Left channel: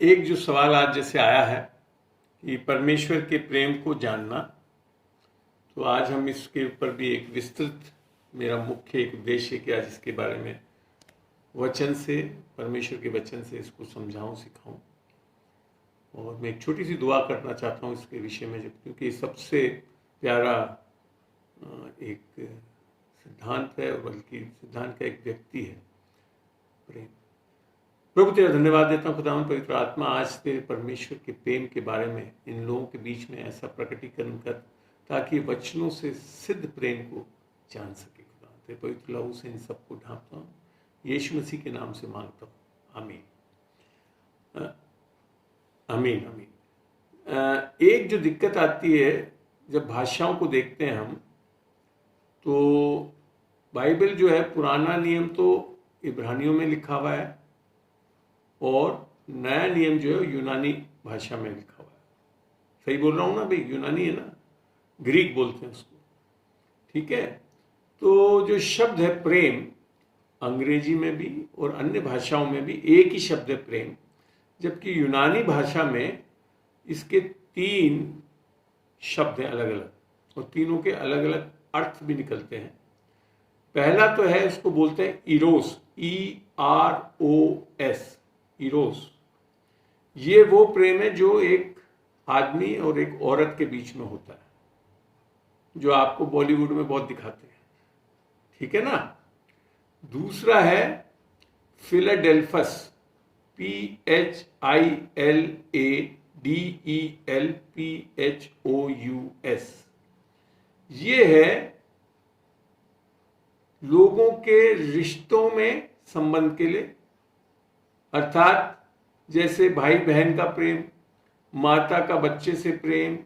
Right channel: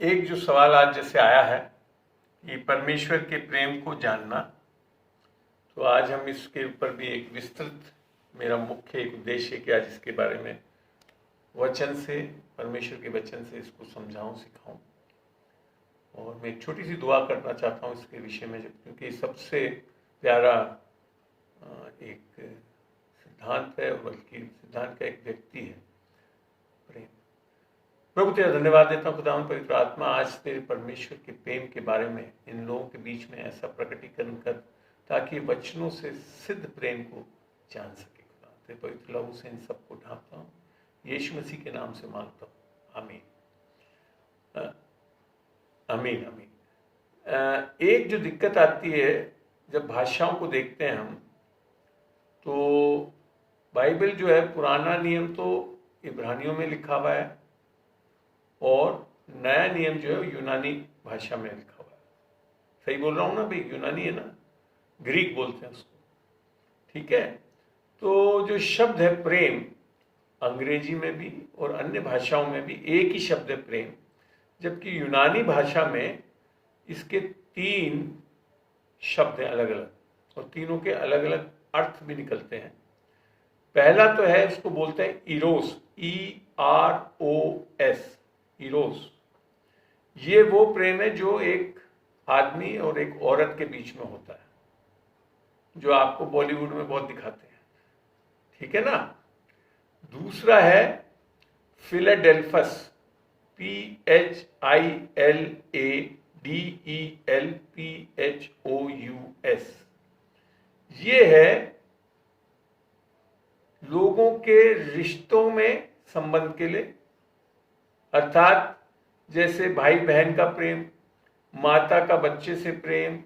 एक जो सवाल आज जैसे आया है कि परमेश्वर के प्रेम को जानना, तो आज हम इसके ऊपर भी एक विस्तृत, मेरा मुख्य एक उद्देश्य है कि आज इसके बारे में वचन से, परमेश्वर के वचन से इसको समझाऊं, सिखाऊं। और मैं एक छोटी सी दुआ करना चाहता हूं इसके विषय में, क्योंकि सबसे प्यारा एक सिद्धांत है, और बल्कि सिद्धांत का एक व्यक्ति है प्रेम। प्रभु तेरा धन्यवाद देता हूँ खुदावंद पवित्र आत्मा, आज तेरे परमेश्वर के प्रेम के बारे में इन लोगों के बीच में ऐसा प्रकटीकरण कर ताकि वचनों से सिद्ध प्रेम को जान सके। खुदावंद तेरे पवित्र लहू से इन सबको ढांपता हूँ, यीशु मसीह के नाम से मांगता हूँ, आमीन आमीन आमीन। एक जो दिक्कत आती है जब भाषाओं को देखते हैं हम, तो बाइबल जो है पुराना नियम तो इब्रानियों में लिखा हुआ है और नया नियम जो है यूनानी भाषा में लिखा हुआ है। सही बोल रहा हूँ ना भाई? यूनानी है ना, ग्रीक बोलते हैं उसको, ठीक है। तो जो शब्द है प्रेम, अंग्रेजी में भी और अन्य भाषाओं में भी एक ही शब्द है प्रेम, जबकि यूनानी भाषा में इसके 3 शब्द हैं अलग अलग, और तीनों के अलग अलग अर्थ भी निकलते हैं। पहला तो है, उसको बोलते हैं इरोस, EROS, इरोस। ये वो प्रेम है जो एक आदमी और एक औरत के बीच में होता है, जो आपको बॉलीवुड में बहुत दिखाते हैं, ठीक है ना। दूसरा है फिलाडेल्फस, PHILADELPHOUS। ये है लोगों के रिश्तों में संबंध के लिए, अर्थात जैसे भाई बहन का प्रेम, माता का बच्चे से प्रेम,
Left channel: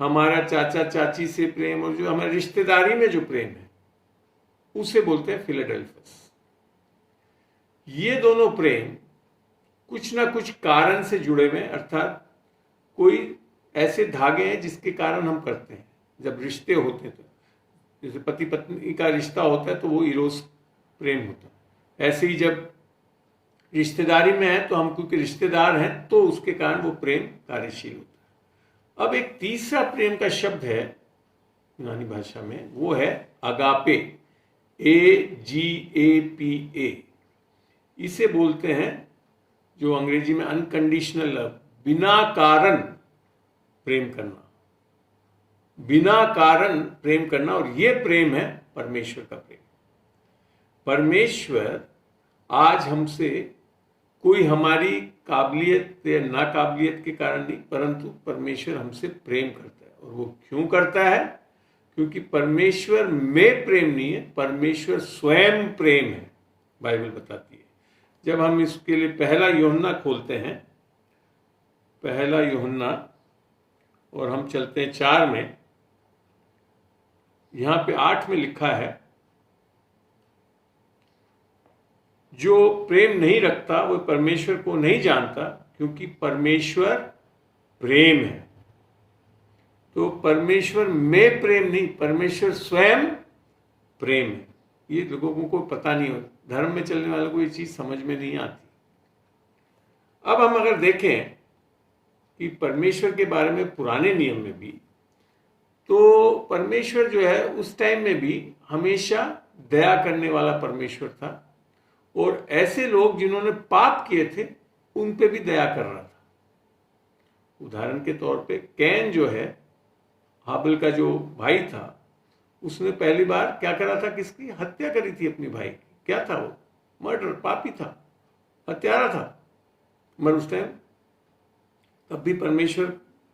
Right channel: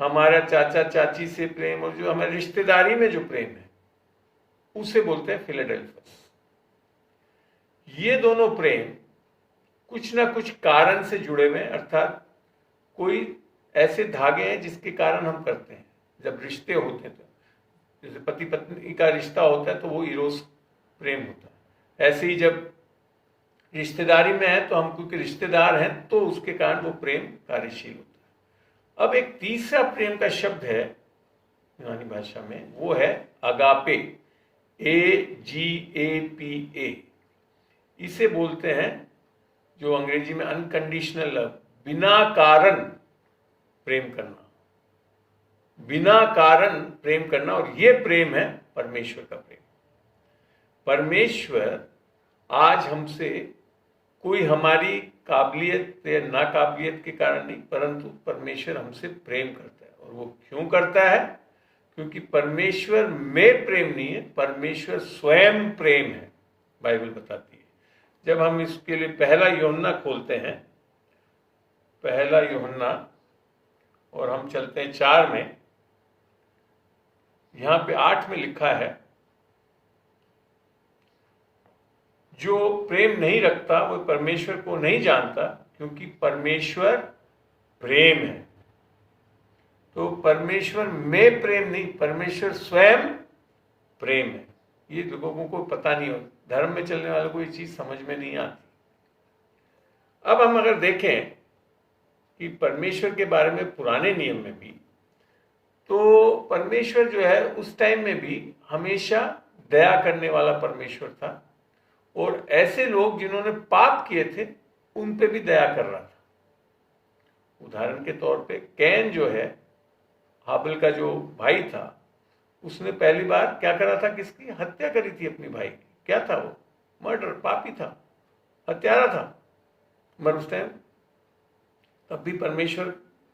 हमारा चाचा चाची से प्रेम, और जो हमारे रिश्तेदारी में जो प्रेम है उसे बोलते हैं फिलाडेल्फस। ये दोनों प्रेम कुछ ना कुछ कारण से जुड़े हुए, अर्थात कोई ऐसे धागे हैं जिसके कारण हम करते हैं। जब रिश्ते होते हैं, तो जैसे पति पत्नी का रिश्ता होता है तो वो इरोस प्रेम होता है। ऐसे ही जब रिश्तेदारी में है तो हम क्योंकि रिश्तेदार हैं तो उसके कारण वो प्रेम कार्यशील होता है। अब एक तीसरा प्रेम का शब्द है यूनानी भाषा में, वो है अगापे, AGAPA। इसे बोलते हैं, जो अंग्रेजी में अनकंडीशनल लव, बिना कारण प्रेम करना, बिना कारण प्रेम करना। और ये प्रेम है परमेश्वर का प्रेम। परमेश्वर आज हमसे कोई हमारी काबिलियत या नाकाबिलियत के कारण नहीं, परंतु परमेश्वर हमसे प्रेम करता है। और वो क्यों करता है? क्योंकि परमेश्वर में प्रेम नहीं है, परमेश्वर स्वयं प्रेम है, बाइबल बताती है। जब हम इसके लिए पहला यूहन्ना खोलते हैं, पहला यूहन्ना, और हम चलते हैं 4 में, यहां पे 8 में लिखा है, जो प्रेम नहीं रखता वो परमेश्वर को नहीं जानता, क्योंकि परमेश्वर प्रेम है। तो परमेश्वर में प्रेम नहीं, परमेश्वर स्वयं प्रेम है। ये लोगों को पता नहीं होता, धर्म में चलने वालों को ये चीज समझ में नहीं आती। अब हम अगर देखें कि परमेश्वर के बारे में पुराने नियम में भी, तो परमेश्वर जो है उस टाइम में भी हमेशा दया करने वाला परमेश्वर था, और ऐसे लोग जिन्होंने पाप किए थे उन पे भी दया कर रहा था। उदाहरण के तौर पे कैन जो है, हाबिल का जो भाई था, उसने पहली बार क्या करा था? किसकी हत्या करी थी? अपनी भाई। क्या था वो? मर्डर, पापी था, हत्यारा था। मगर उस टाइम तब भी परमेश्वर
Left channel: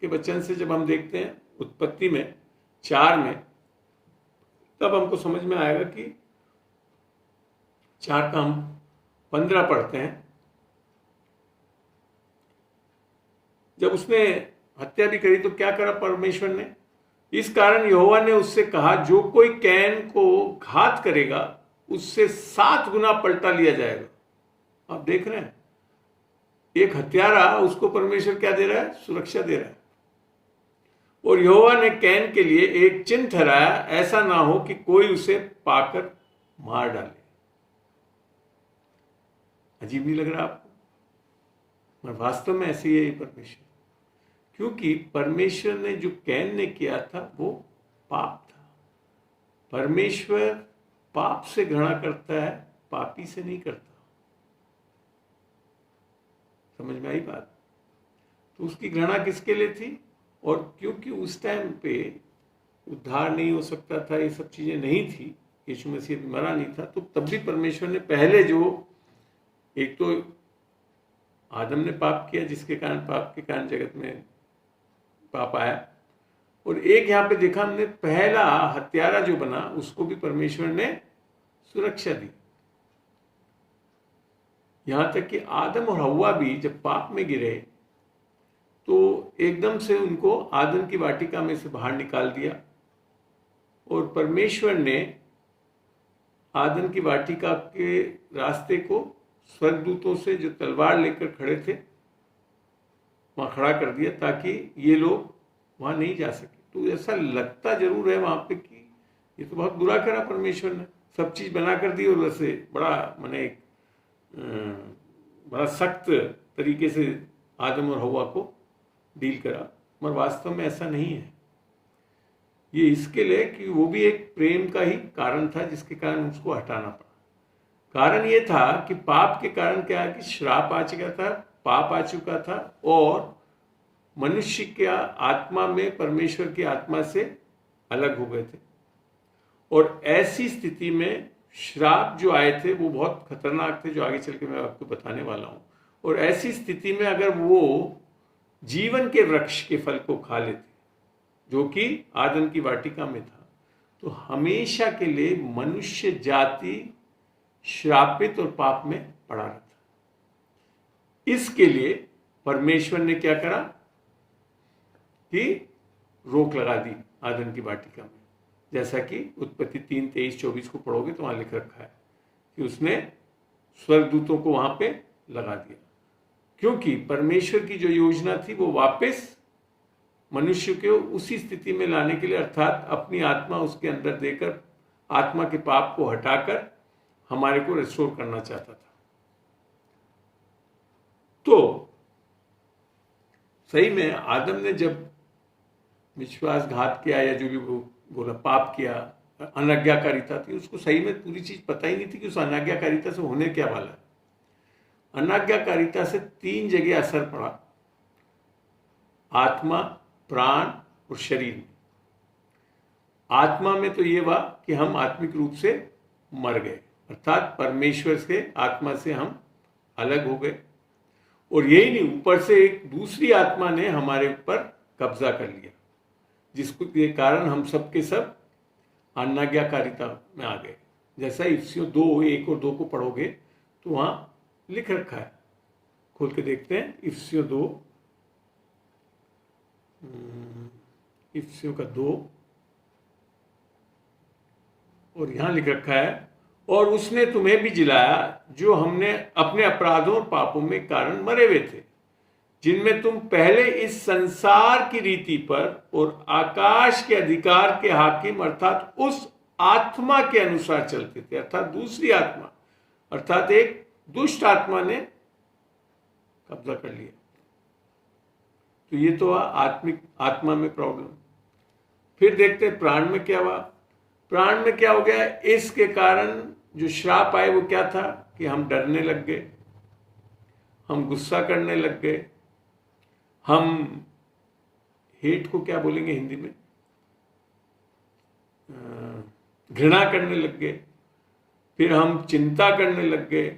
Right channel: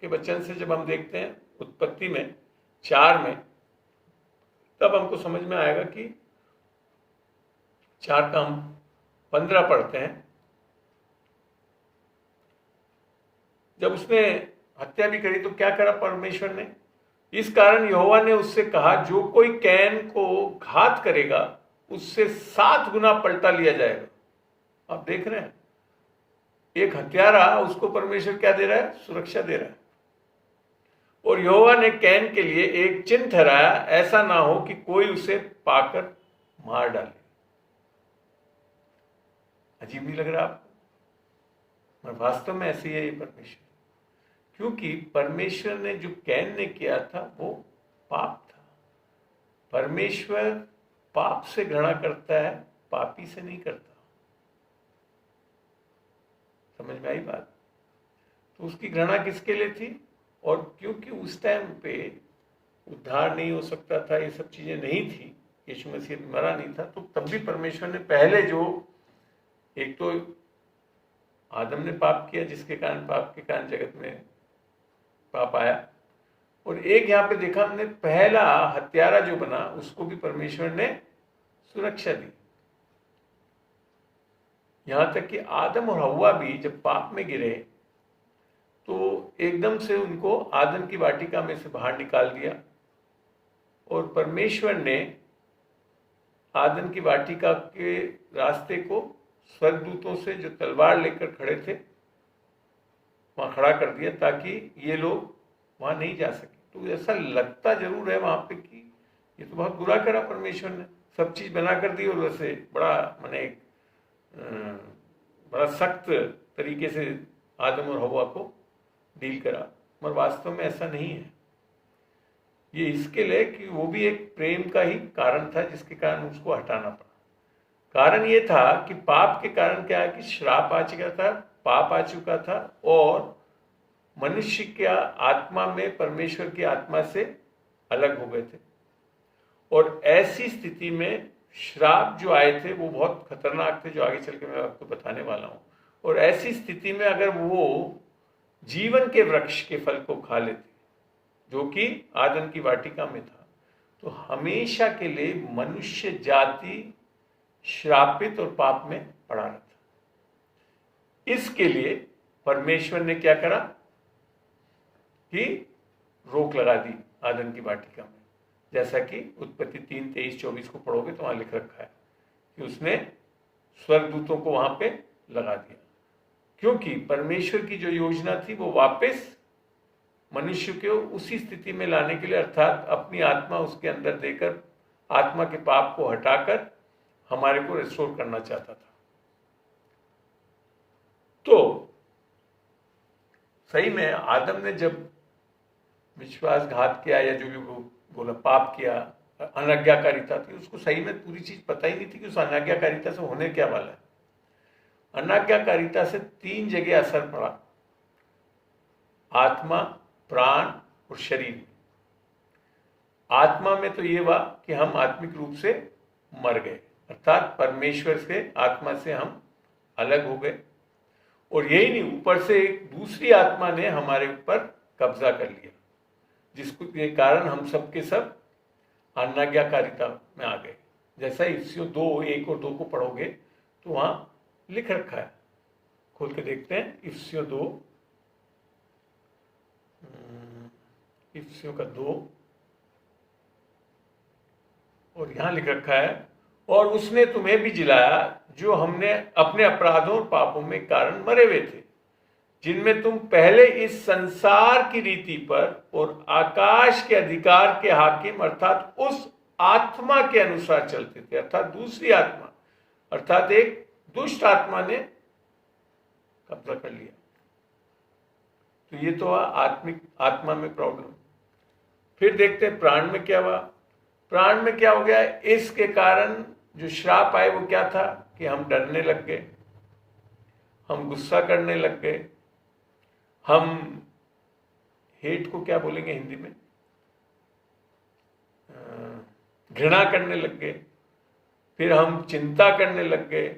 के वचन से जब हम देखते हैं उत्पत्ति में 4 में, तब हमको समझ में आएगा कि 4 का हम 15 पढ़ते हैं। जब उसने हत्या भी करी तो क्या करा परमेश्वर ने? इस कारण यहोवा ने उससे कहा, जो कोई कैन को घात करेगा उससे 7 गुना पलटा लिया जाएगा। आप देख रहे हैं, एक हत्यारा, उसको परमेश्वर क्या दे रहा है? सुरक्षा दे रहा है। और यहोवा ने कैन के लिए एक चिन्ह ठहराया, ऐसा ना हो कि कोई उसे पाकर मार डाले। अजीब नहीं लग रहा आपको? मगर वास्तव में ऐसे ही है ये परमेश्वर, क्योंकि परमेश्वर ने जो कैन ने किया था वो पाप था। परमेश्वर पाप से घृणा करता है, पापी से नहीं करता। समझ में आई बात? तो उसकी घृणा किसके लिए थी? और क्योंकि उस टाइम पे उद्धार नहीं हो सकता था, ये सब चीजें नहीं थी, यीशु मसीह मरा नहीं था, तो तब भी परमेश्वर ने पहले जो, एक तो आदम ने पाप किया जिसके कारण, पाप के कारण जगत में पाप आया, और एक यहाँ पे देखा हमने पहला हत्यारा जो बना उसको भी परमेश्वर ने सुरक्षा दी। यहां तक कि आदम और हव्वा भी जब पाप में गिरे तो एकदम से उनको आदम की वाटिका में से बाहर निकाल दिया, और परमेश्वर ने आदम की वाटिका के रास्ते को स्वर्गदूतों से जो तलवार लेकर खड़े थे वहां खड़ा कर दिया, ताकि ये लोग वहां नहीं जा सके। तो ऐसा लगता जरूर है वहां पे कि ये तो बहुत बुरा करा परमेश्वर ने, सब चीज बना कर दी और वैसे बड़ा माने बड़ा सख्त तरीके से आदम और हव्वा को डील करा, मगर वास्तव में ऐसा नहीं है। ये इसके लिए कि वो भी एक प्रेम का ही कारण था जिसके कारण उसको हटाना पड़ा। कारण ये था कि पाप के कारण क्या है कि श्राप आ चुका था, पाप आ चुका था, और मनुष्य के आत्मा में परमेश्वर की आत्मा से अलग हो गए थे। और ऐसी स्थिति में श्राप जो आए थे वो बहुत खतरनाक थे, जो आगे चल के मैं आपको बताने वाला हूं। और ऐसी स्थिति में अगर वो जीवन के वृक्ष के फल को खा लेते जो कि आदम की वाटिका में था, तो हमेशा के लिए मनुष्य जाति श्रापित और पाप में पड़ा रहता। इसके लिए परमेश्वर ने क्या करा कि रोक लगा दी आदम की वाटिका में, जैसा कि उत्पत्ति 3:23-24 को पढ़ोगे तो वहां लिख रखा है कि उसने स्वर्गदूतों को वहां पे लगा दिया, क्योंकि परमेश्वर की जो योजना थी वो वापस मनुष्य को उसी स्थिति में लाने के लिए, अर्थात अपनी आत्मा उसके अंदर देकर आत्मा के पाप को हटाकर हमारे को रिस्टोर करना चाहता था। तो सही में आदम ने जब विश्वासघात किया या जो भी बोला पाप किया, अनाज्ञाकारिता थी, उसको सही में पूरी चीज पता ही नहीं थी कि उस अनाज्ञाकारिता से होने क्या वाला है। अनाज्ञाकारिता से 3 जगह असर पड़ा, आत्मा, प्राण और शरीर में। आत्मा में तो ये हुआ कि हम आत्मिक रूप से मर गए, अर्थात परमेश्वर से, आत्मा से हम अलग हो गए, और यही नहीं, ऊपर से एक दूसरी आत्मा ने हमारे ऊपर कब्जा कर लिया, जिसको के कारण हम सब के सब अनाज्ञाकारिता में आ गए। जैसा इफिसियों 2:1 और 2 को पढ़ोगे तो वहां लिख रखा है, खोल के देखते हैं। इफिसियों 2, इफिसियों का 2 और यहां लिख रखा है, और उसने तुम्हें भी जिलाया जो हमने अपने अपराधों और पापों में कारण मरे हुए थे, जिनमें तुम पहले इस संसार की रीति पर और आकाश के अधिकार के हाकिम अर्थात उस आत्मा के अनुसार चलते थे, अर्थात दूसरी आत्मा, अर्थात एक दुष्ट आत्मा ने कब्जा कर लिया। तो ये तो आत्मिक आत्मा में प्रॉब्लम। फिर देखते हैं प्राण में क्या हुआ। प्राण में क्या हो गया? इसके कारण जो श्राप आए वो क्या था कि हम डरने लग गए, हम गुस्सा करने लग गए, हम हेट को क्या बोलेंगे हिंदी में, घृणा करने लग गए, फिर हम चिंता करने लग गए,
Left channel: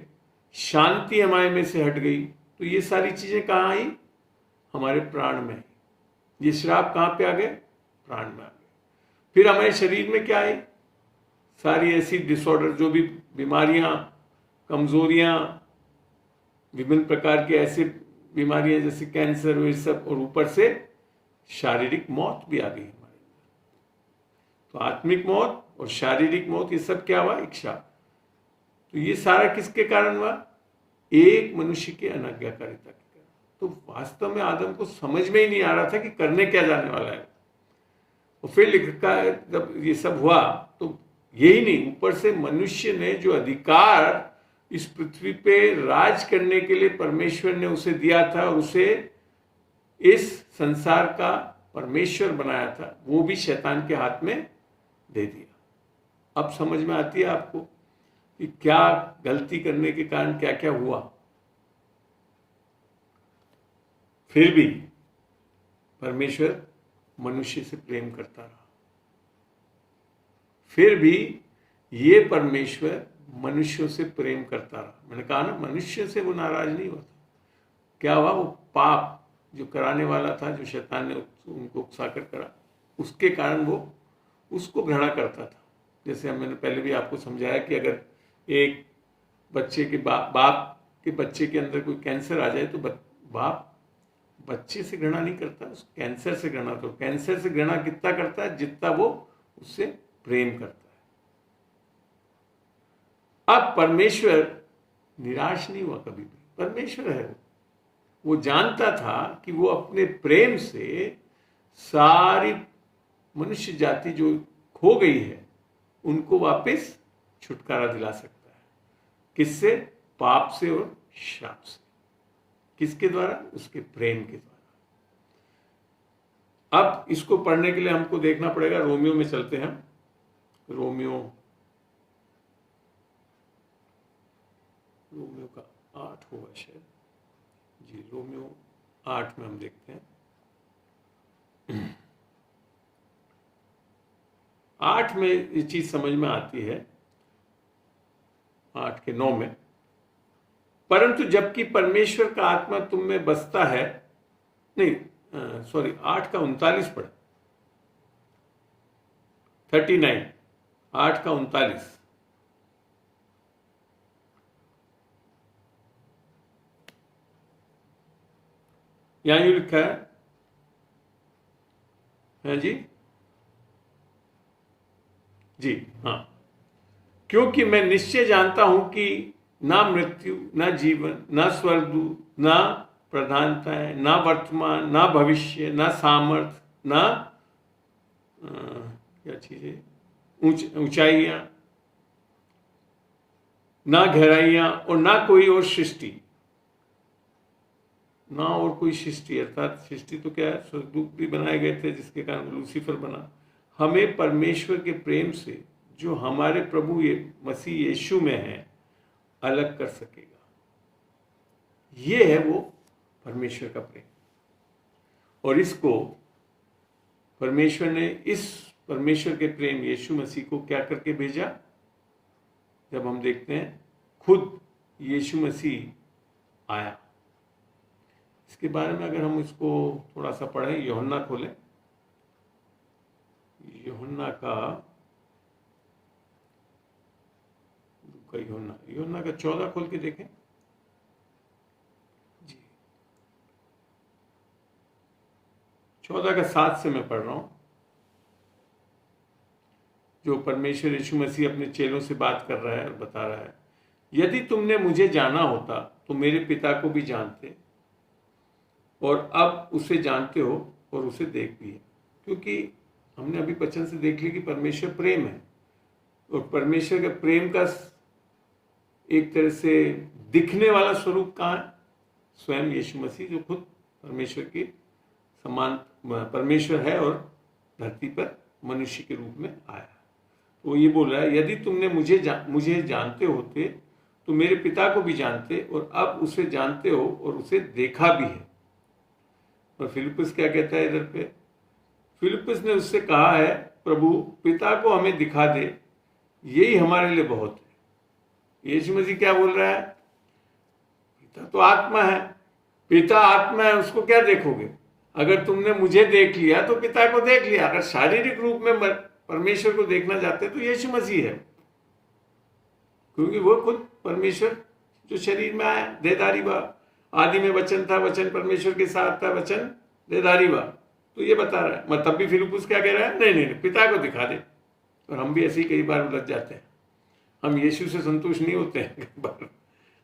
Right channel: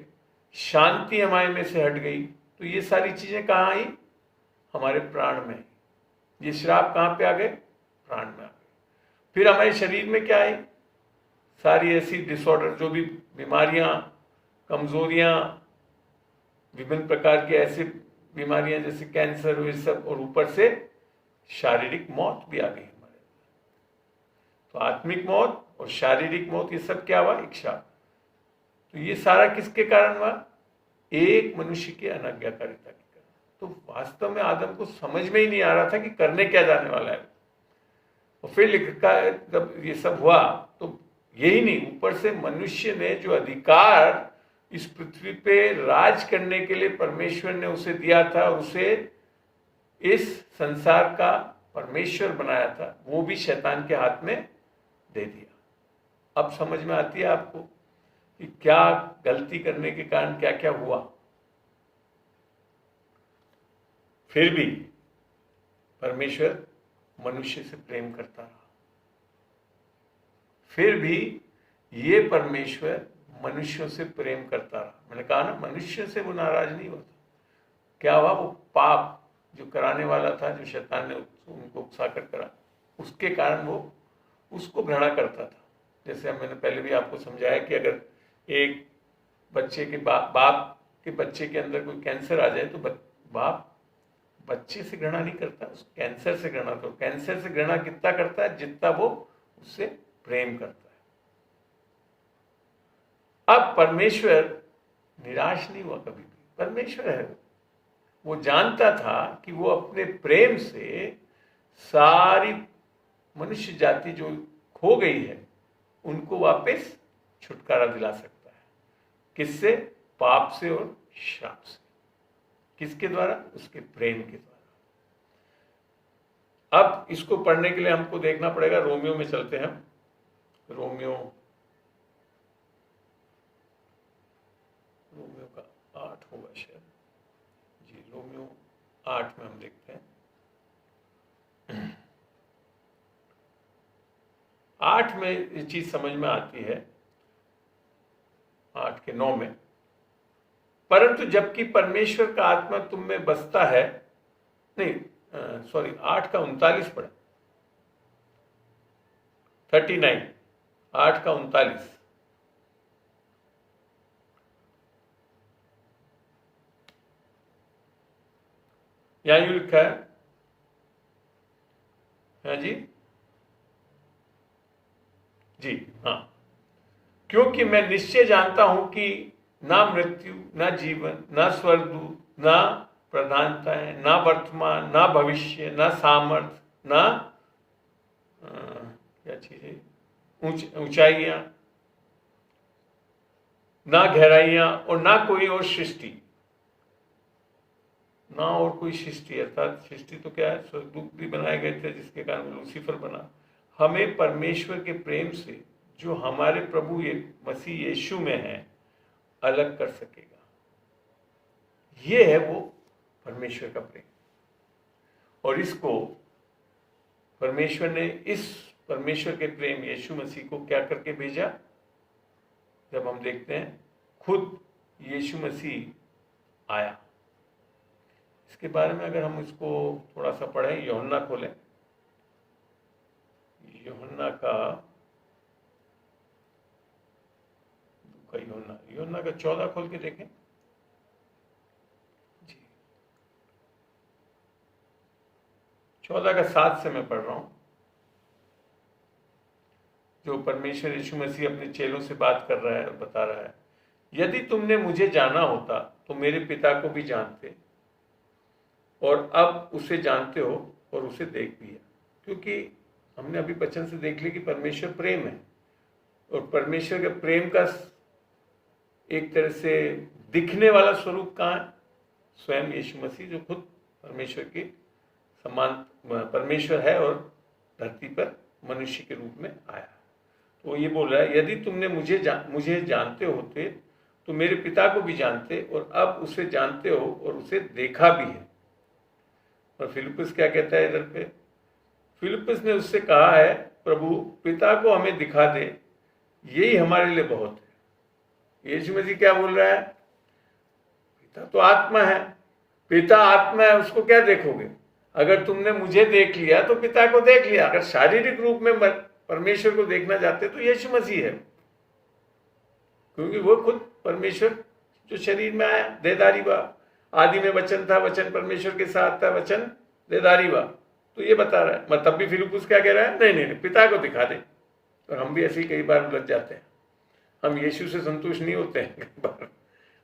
शांति हमारे में से हट गई। तो ये सारी चीजें कहाँ आई? हमारे प्राण में। ये श्राप कहाँ पे आ गए? प्राण में आ गए। फिर हमारे शरीर में क्या आई? सारी ऐसी डिसऑर्डर, जो भी बीमारियां, कमजोरियां, विभिन्न प्रकार के ऐसी बीमारियां जैसे कैंसर हुए सब, और ऊपर से शारीरिक मौत भी आ गई हमारे। तो आत्मिक मौत और शारीरिक मौत, ये सब क्या हुआ? एक श्राप। तो ये सारा किसके कारण हुआ? एक मनुष्य की अनाज्ञाकारिता के कारण। तो वास्तव में आदम को समझ में ही नहीं आ रहा था कि करने क्या जाने वाला है। और फिर लिखा है जब ये सब हुआ तो यही नहीं, ऊपर से मनुष्य ने जो अधिकार इस पृथ्वी पे राज करने के लिए परमेश्वर ने उसे दिया था और उसे इस संसार का परमेश्वर बनाया था, वो भी शैतान के हाथ में दे दिया। अब समझ में आती है आपको कि क्या गलती करने के कारण क्या क्या हुआ। फिर भी परमेश्वर मनुष्य से प्रेम करता रहा। फिर भी ये परमेश्वर मनुष्यों से प्रेम करता रहा। मैंने कहा ना, मनुष्य से वो नाराज नहीं होता। क्या हुआ, वो पाप जो कराने वाला था, जो शैतान ने उनको उकसाकर करा, उसके कारण वो उसको घृणा करता था। जैसे मैंने पहले भी आपको समझाया कि अगर एक बच्चे के बाप के बच्चे के अंदर कोई कैंसर आ जाए तो बाप बच्चे से घृणा नहीं करता, उस कैंसर से घृणा। तो कैंसर से घृणा कितना करता है, जितना वो उससे प्रेम करता है। अब परमेश्वर निराश नहीं हुआ कभी भी। परमेश्वर है, वो जानता था कि वो अपने प्रेम से सारी मनुष्य जाति जो खो गई है उनको वापस छुटकारा दिला सकता है। किससे? पाप से और श्राप से। किसके द्वारा? उसके प्रेम के द्वारा। अब इसको पढ़ने के लिए हमको देखना पड़ेगा, रोमियो में चलते हैं। रोमियो का 8 होगा शायद जी। रोमियो 8 में हम देखते हैं। 8 में ये चीज समझ में आती है, 8 के 9 में, परंतु जबकि परमेश्वर का आत्मा तुम में बसता है, नहीं सॉरी 8 का 39 पढ़, 39, 8 का 39। यहां यूं लिखा है जी जी हाँ, क्योंकि मैं निश्चय जानता हूं कि ना मृत्यु, ना जीवन, ना स्वर्गदूत, ना प्रधानताएं, ना वर्तमान, ना भविष्य, ना सामर्थ, ना क्या चीजें, ऊंचाइयां, ना गहराइयां और ना कोई और सृष्टि, ना और कोई सृष्टि, अर्थात सृष्टि तो क्या है, स्वर्गदूत भी बनाए गए थे जिसके कारण लूसीफर बना, हमें परमेश्वर के प्रेम से जो हमारे प्रभु मसीह यीशु में है अलग कर सकेगा। ये है वो परमेश्वर का प्रेम। और इसको परमेश्वर ने, इस परमेश्वर के प्रेम यीशु मसीह को क्या करके भेजा? जब हम देखते हैं खुद यीशु मसीह आया। इसके बारे में अगर हम इसको थोड़ा सा पढ़ें, यूहन्ना खोलें, यूहन्ना का 14 खोल के देखें जी। 14 का 7 से मैं पढ़ रहा हूं, जो परमेश्वर यीशु मसीह अपने चेलों से बात कर रहा है और बता रहा है, यदि तुमने मुझे जाना होता तो मेरे पिता को भी जानते और अब उसे जानते हो और उसे देख लिया। क्योंकि हमने अभी वचन से देख लिया कि परमेश्वर प्रेम है, और परमेश्वर के प्रेम का एक तरह से दिखने वाला स्वरूप कहाँ है? स्वयं यीशु मसीह, जो खुद परमेश्वर के समान परमेश्वर है और धरती पर मनुष्य के रूप में आया। तो ये बोल रहा है, यदि तुमने मुझे जानते होते तो मेरे पिता को भी जानते और अब उसे जानते हो और उसे देखा भी है। और फिलिप्पुस क्या कहता है इधर पे? फिलिप्पुस ने उससे कहा है, प्रभु पिता को हमें दिखा दे, यही हमारे लिए बहुत है। यीशु मसीह क्या बोल रहा है? पिता तो आत्मा है, पिता आत्मा है, उसको क्या देखोगे? अगर तुमने मुझे देख लिया तो पिता को देख लिया। अगर शारीरिक रूप में परमेश्वर को देखना चाहते तो यीशु मसीह है, क्योंकि वो खुद परमेश्वर जो शरीर में आया, देहधारी हुआ। आदि में वचन था, वचन परमेश्वर के साथ था, वचन देहधारी हुआ। तो ये बता रहा है। मैं तब भी फिलिप्पुस क्या कह रहा है? नहीं नहीं, पिता को दिखा दे। और हम भी ऐसे ही कई बार उलझ जाते हैं, हम यीशु से संतुष्ट नहीं होते हैं कई बार।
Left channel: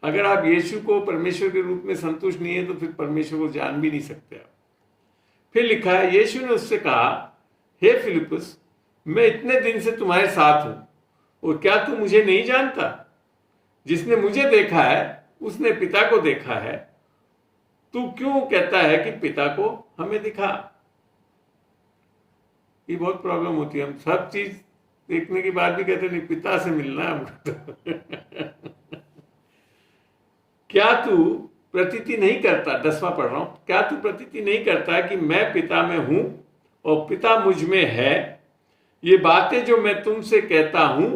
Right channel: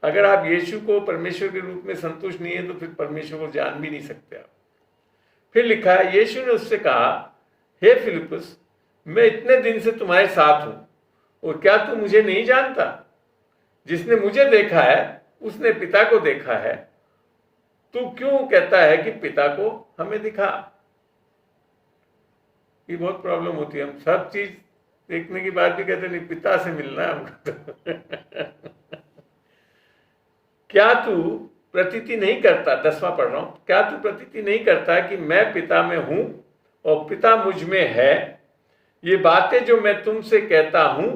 अगर आप यीशु को परमेश्वर के रूप में संतुष्ट नहीं है तो फिर परमेश्वर को जान भी नहीं सकते आप। फिर लिखा है, यीशु ने उससे कहा, हे फिलिप्पुस, मैं इतने दिन से तुम्हारे साथ हूं और क्या तू मुझे नहीं जानता? जिसने मुझे देखा है उसने पिता को देखा है। तू क्यों कहता है कि पिता को हमें दिखा? ये बहुत प्रॉब्लम होती है। हम सब चीज देखने के बाद भी कहते नहीं पिता से मिलना है। क्या तू प्रतीति नहीं करता, 10वां पढ़ रहा हूं, क्या तू प्रतीति नहीं करता कि मैं पिता में हूं और पिता मुझ में है? ये बातें जो मैं तुमसे कहता हूं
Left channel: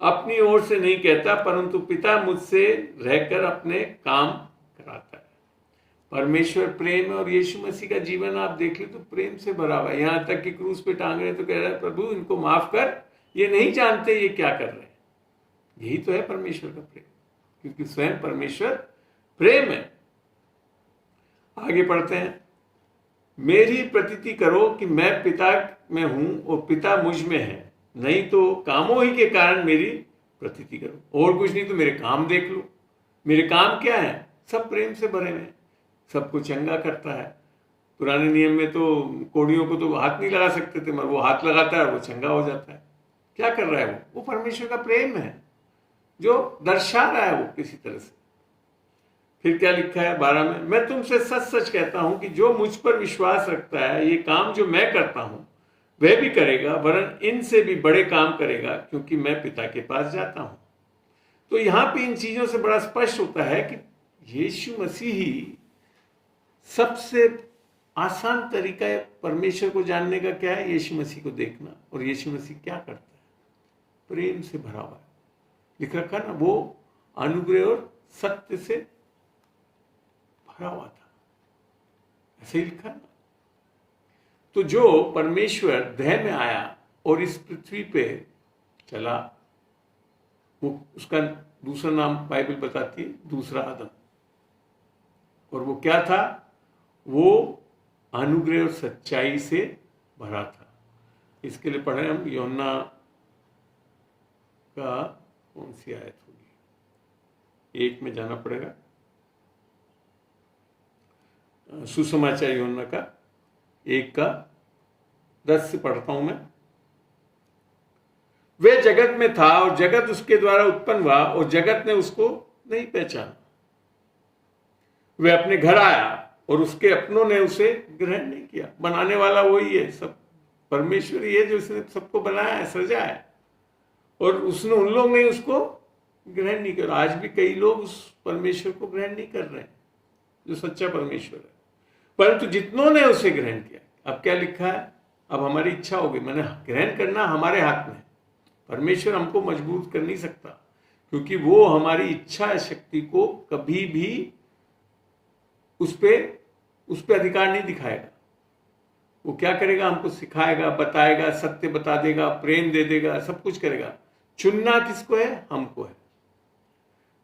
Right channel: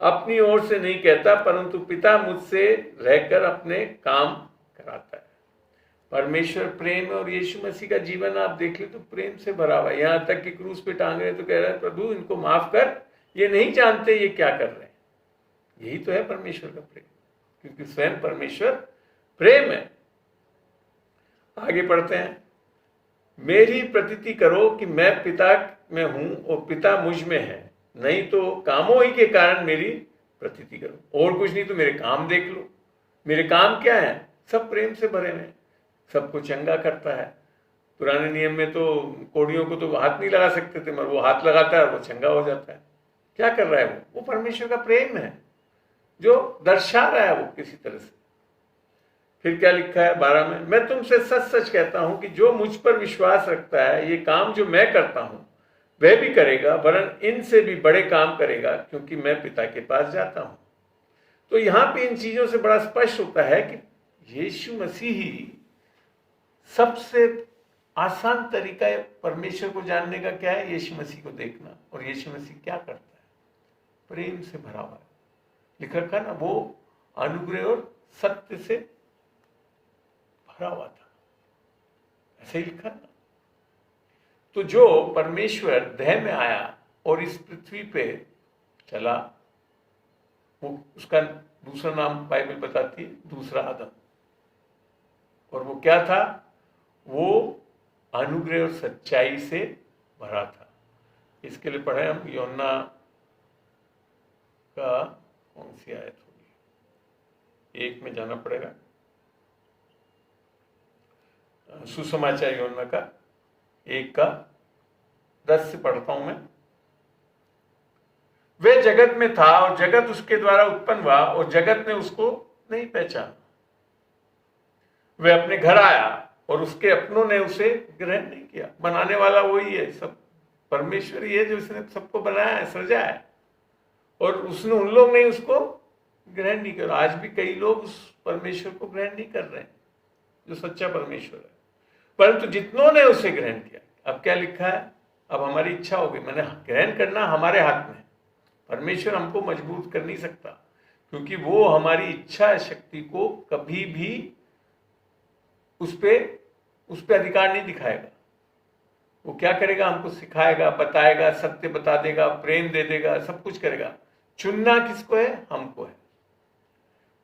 अपनी ओर से नहीं कहता, परंतु पिता मुझसे रहकर अपने काम कराता है। परमेश्वर प्रेम है और यीशु मसीह का जीवन आप देख लो तो प्रेम से भरा हुआ है। यहां तक कि क्रूस पे टांग रहे तो कह रहा है प्रभु इनको माफ कर, ये नहीं जानते ये क्या कर रहे हैं। यही तो है परमेश्वर का प्रेम, क्योंकि स्वयं परमेश्वर प्रेम है। आगे पढ़ते हैं, मेरी प्रतीति करो कि मैं पिता में हूं और पिता मुझ में है, नहीं तो कामों ही के कारण मेरी प्रतीति करो। और कुछ नहीं तो मेरे काम देख लो। मेरे काम क्या है? सब प्रेम से भरे हुए, सबको चंगा करता है। पुराने नियम में तो कोड़ियों को तो हाथ नहीं लगा सकते थे, मगर वो हाथ लगाता है वो चंगा हो जाता है। क्या कर रहा है वो परमेश्वर का प्रेम है जो दर्शा रहा है वो किसी तरह से। फिर क्या लिखा है 12 में, मैं तुमसे सच सच कहता हूं कि जो मुझ पर विश्वास रखता है ये काम जो मैं करता हूं वह भी करेगा, वरन इनसे भी बड़े काम करेगा, क्योंकि मैं पिता के पास जाता हूं। तो यहां पे इन चीजों से बड़ा स्पष्ट होता है कि यीशु मसीह ही सबसे आसान तरीका है परमेश्वर को जानने का। क्या है? यीशु मसीह को देखना। और यीशु मसीह क्या करता है? प्रेम से भरा हुआ है। लिखा था ना, वो अनुग्रह और सत्य से भरा हुआ था, ऐसे लिखा ना। तो जो परमेश्वर देह में आया और इस पृथ्वी पे चला, वो उसका दूसरा नाम बाइबल बताती है दूसरा आदम। और वो क्या था? वो अनुग्रह और सच्चाई से भरा था। इसके लिए पढ़े हम यूहन्ना का कौन सी आयत होगी, 1 में जाना पड़ेगा। सुसमाचार यूहन्ना का 1 का 10 से पढ़ता हूं मैं। वे जगत में था और जगत उसके द्वारा उत्पन्न हुआ और जगत ने उसको नहीं पहचाना। वह अपने घर आया और उसके अपनों ने उसे ग्रहण नहीं किया। बनाने वाला वही है, सब परमेश्वर ही है जो उसने सबको बनाया है, सजाया है, और उसने उन लोग ने उसको ग्रहण नहीं किया। आज भी कई लोग उस परमेश्वर को ग्रहण नहीं कर रहे हैं जो सच्चा परमेश्वर है। परंतु जितनों ने उसे ग्रहण किया, अब क्या लिखा है? अब हमारी इच्छा होगी, मैंने ग्रहण करना हमारे हाथ में। परमेश्वर हमको मजबूर कर नहीं सकता, क्योंकि वो हमारी इच्छा शक्ति को कभी भी उस पे अधिकार नहीं दिखाएगा। वो क्या करेगा? हमको सिखाएगा, बताएगा, सत्य बता देगा, प्रेम दे देगा, सब कुछ करेगा। चुनना किसको है? हमको है।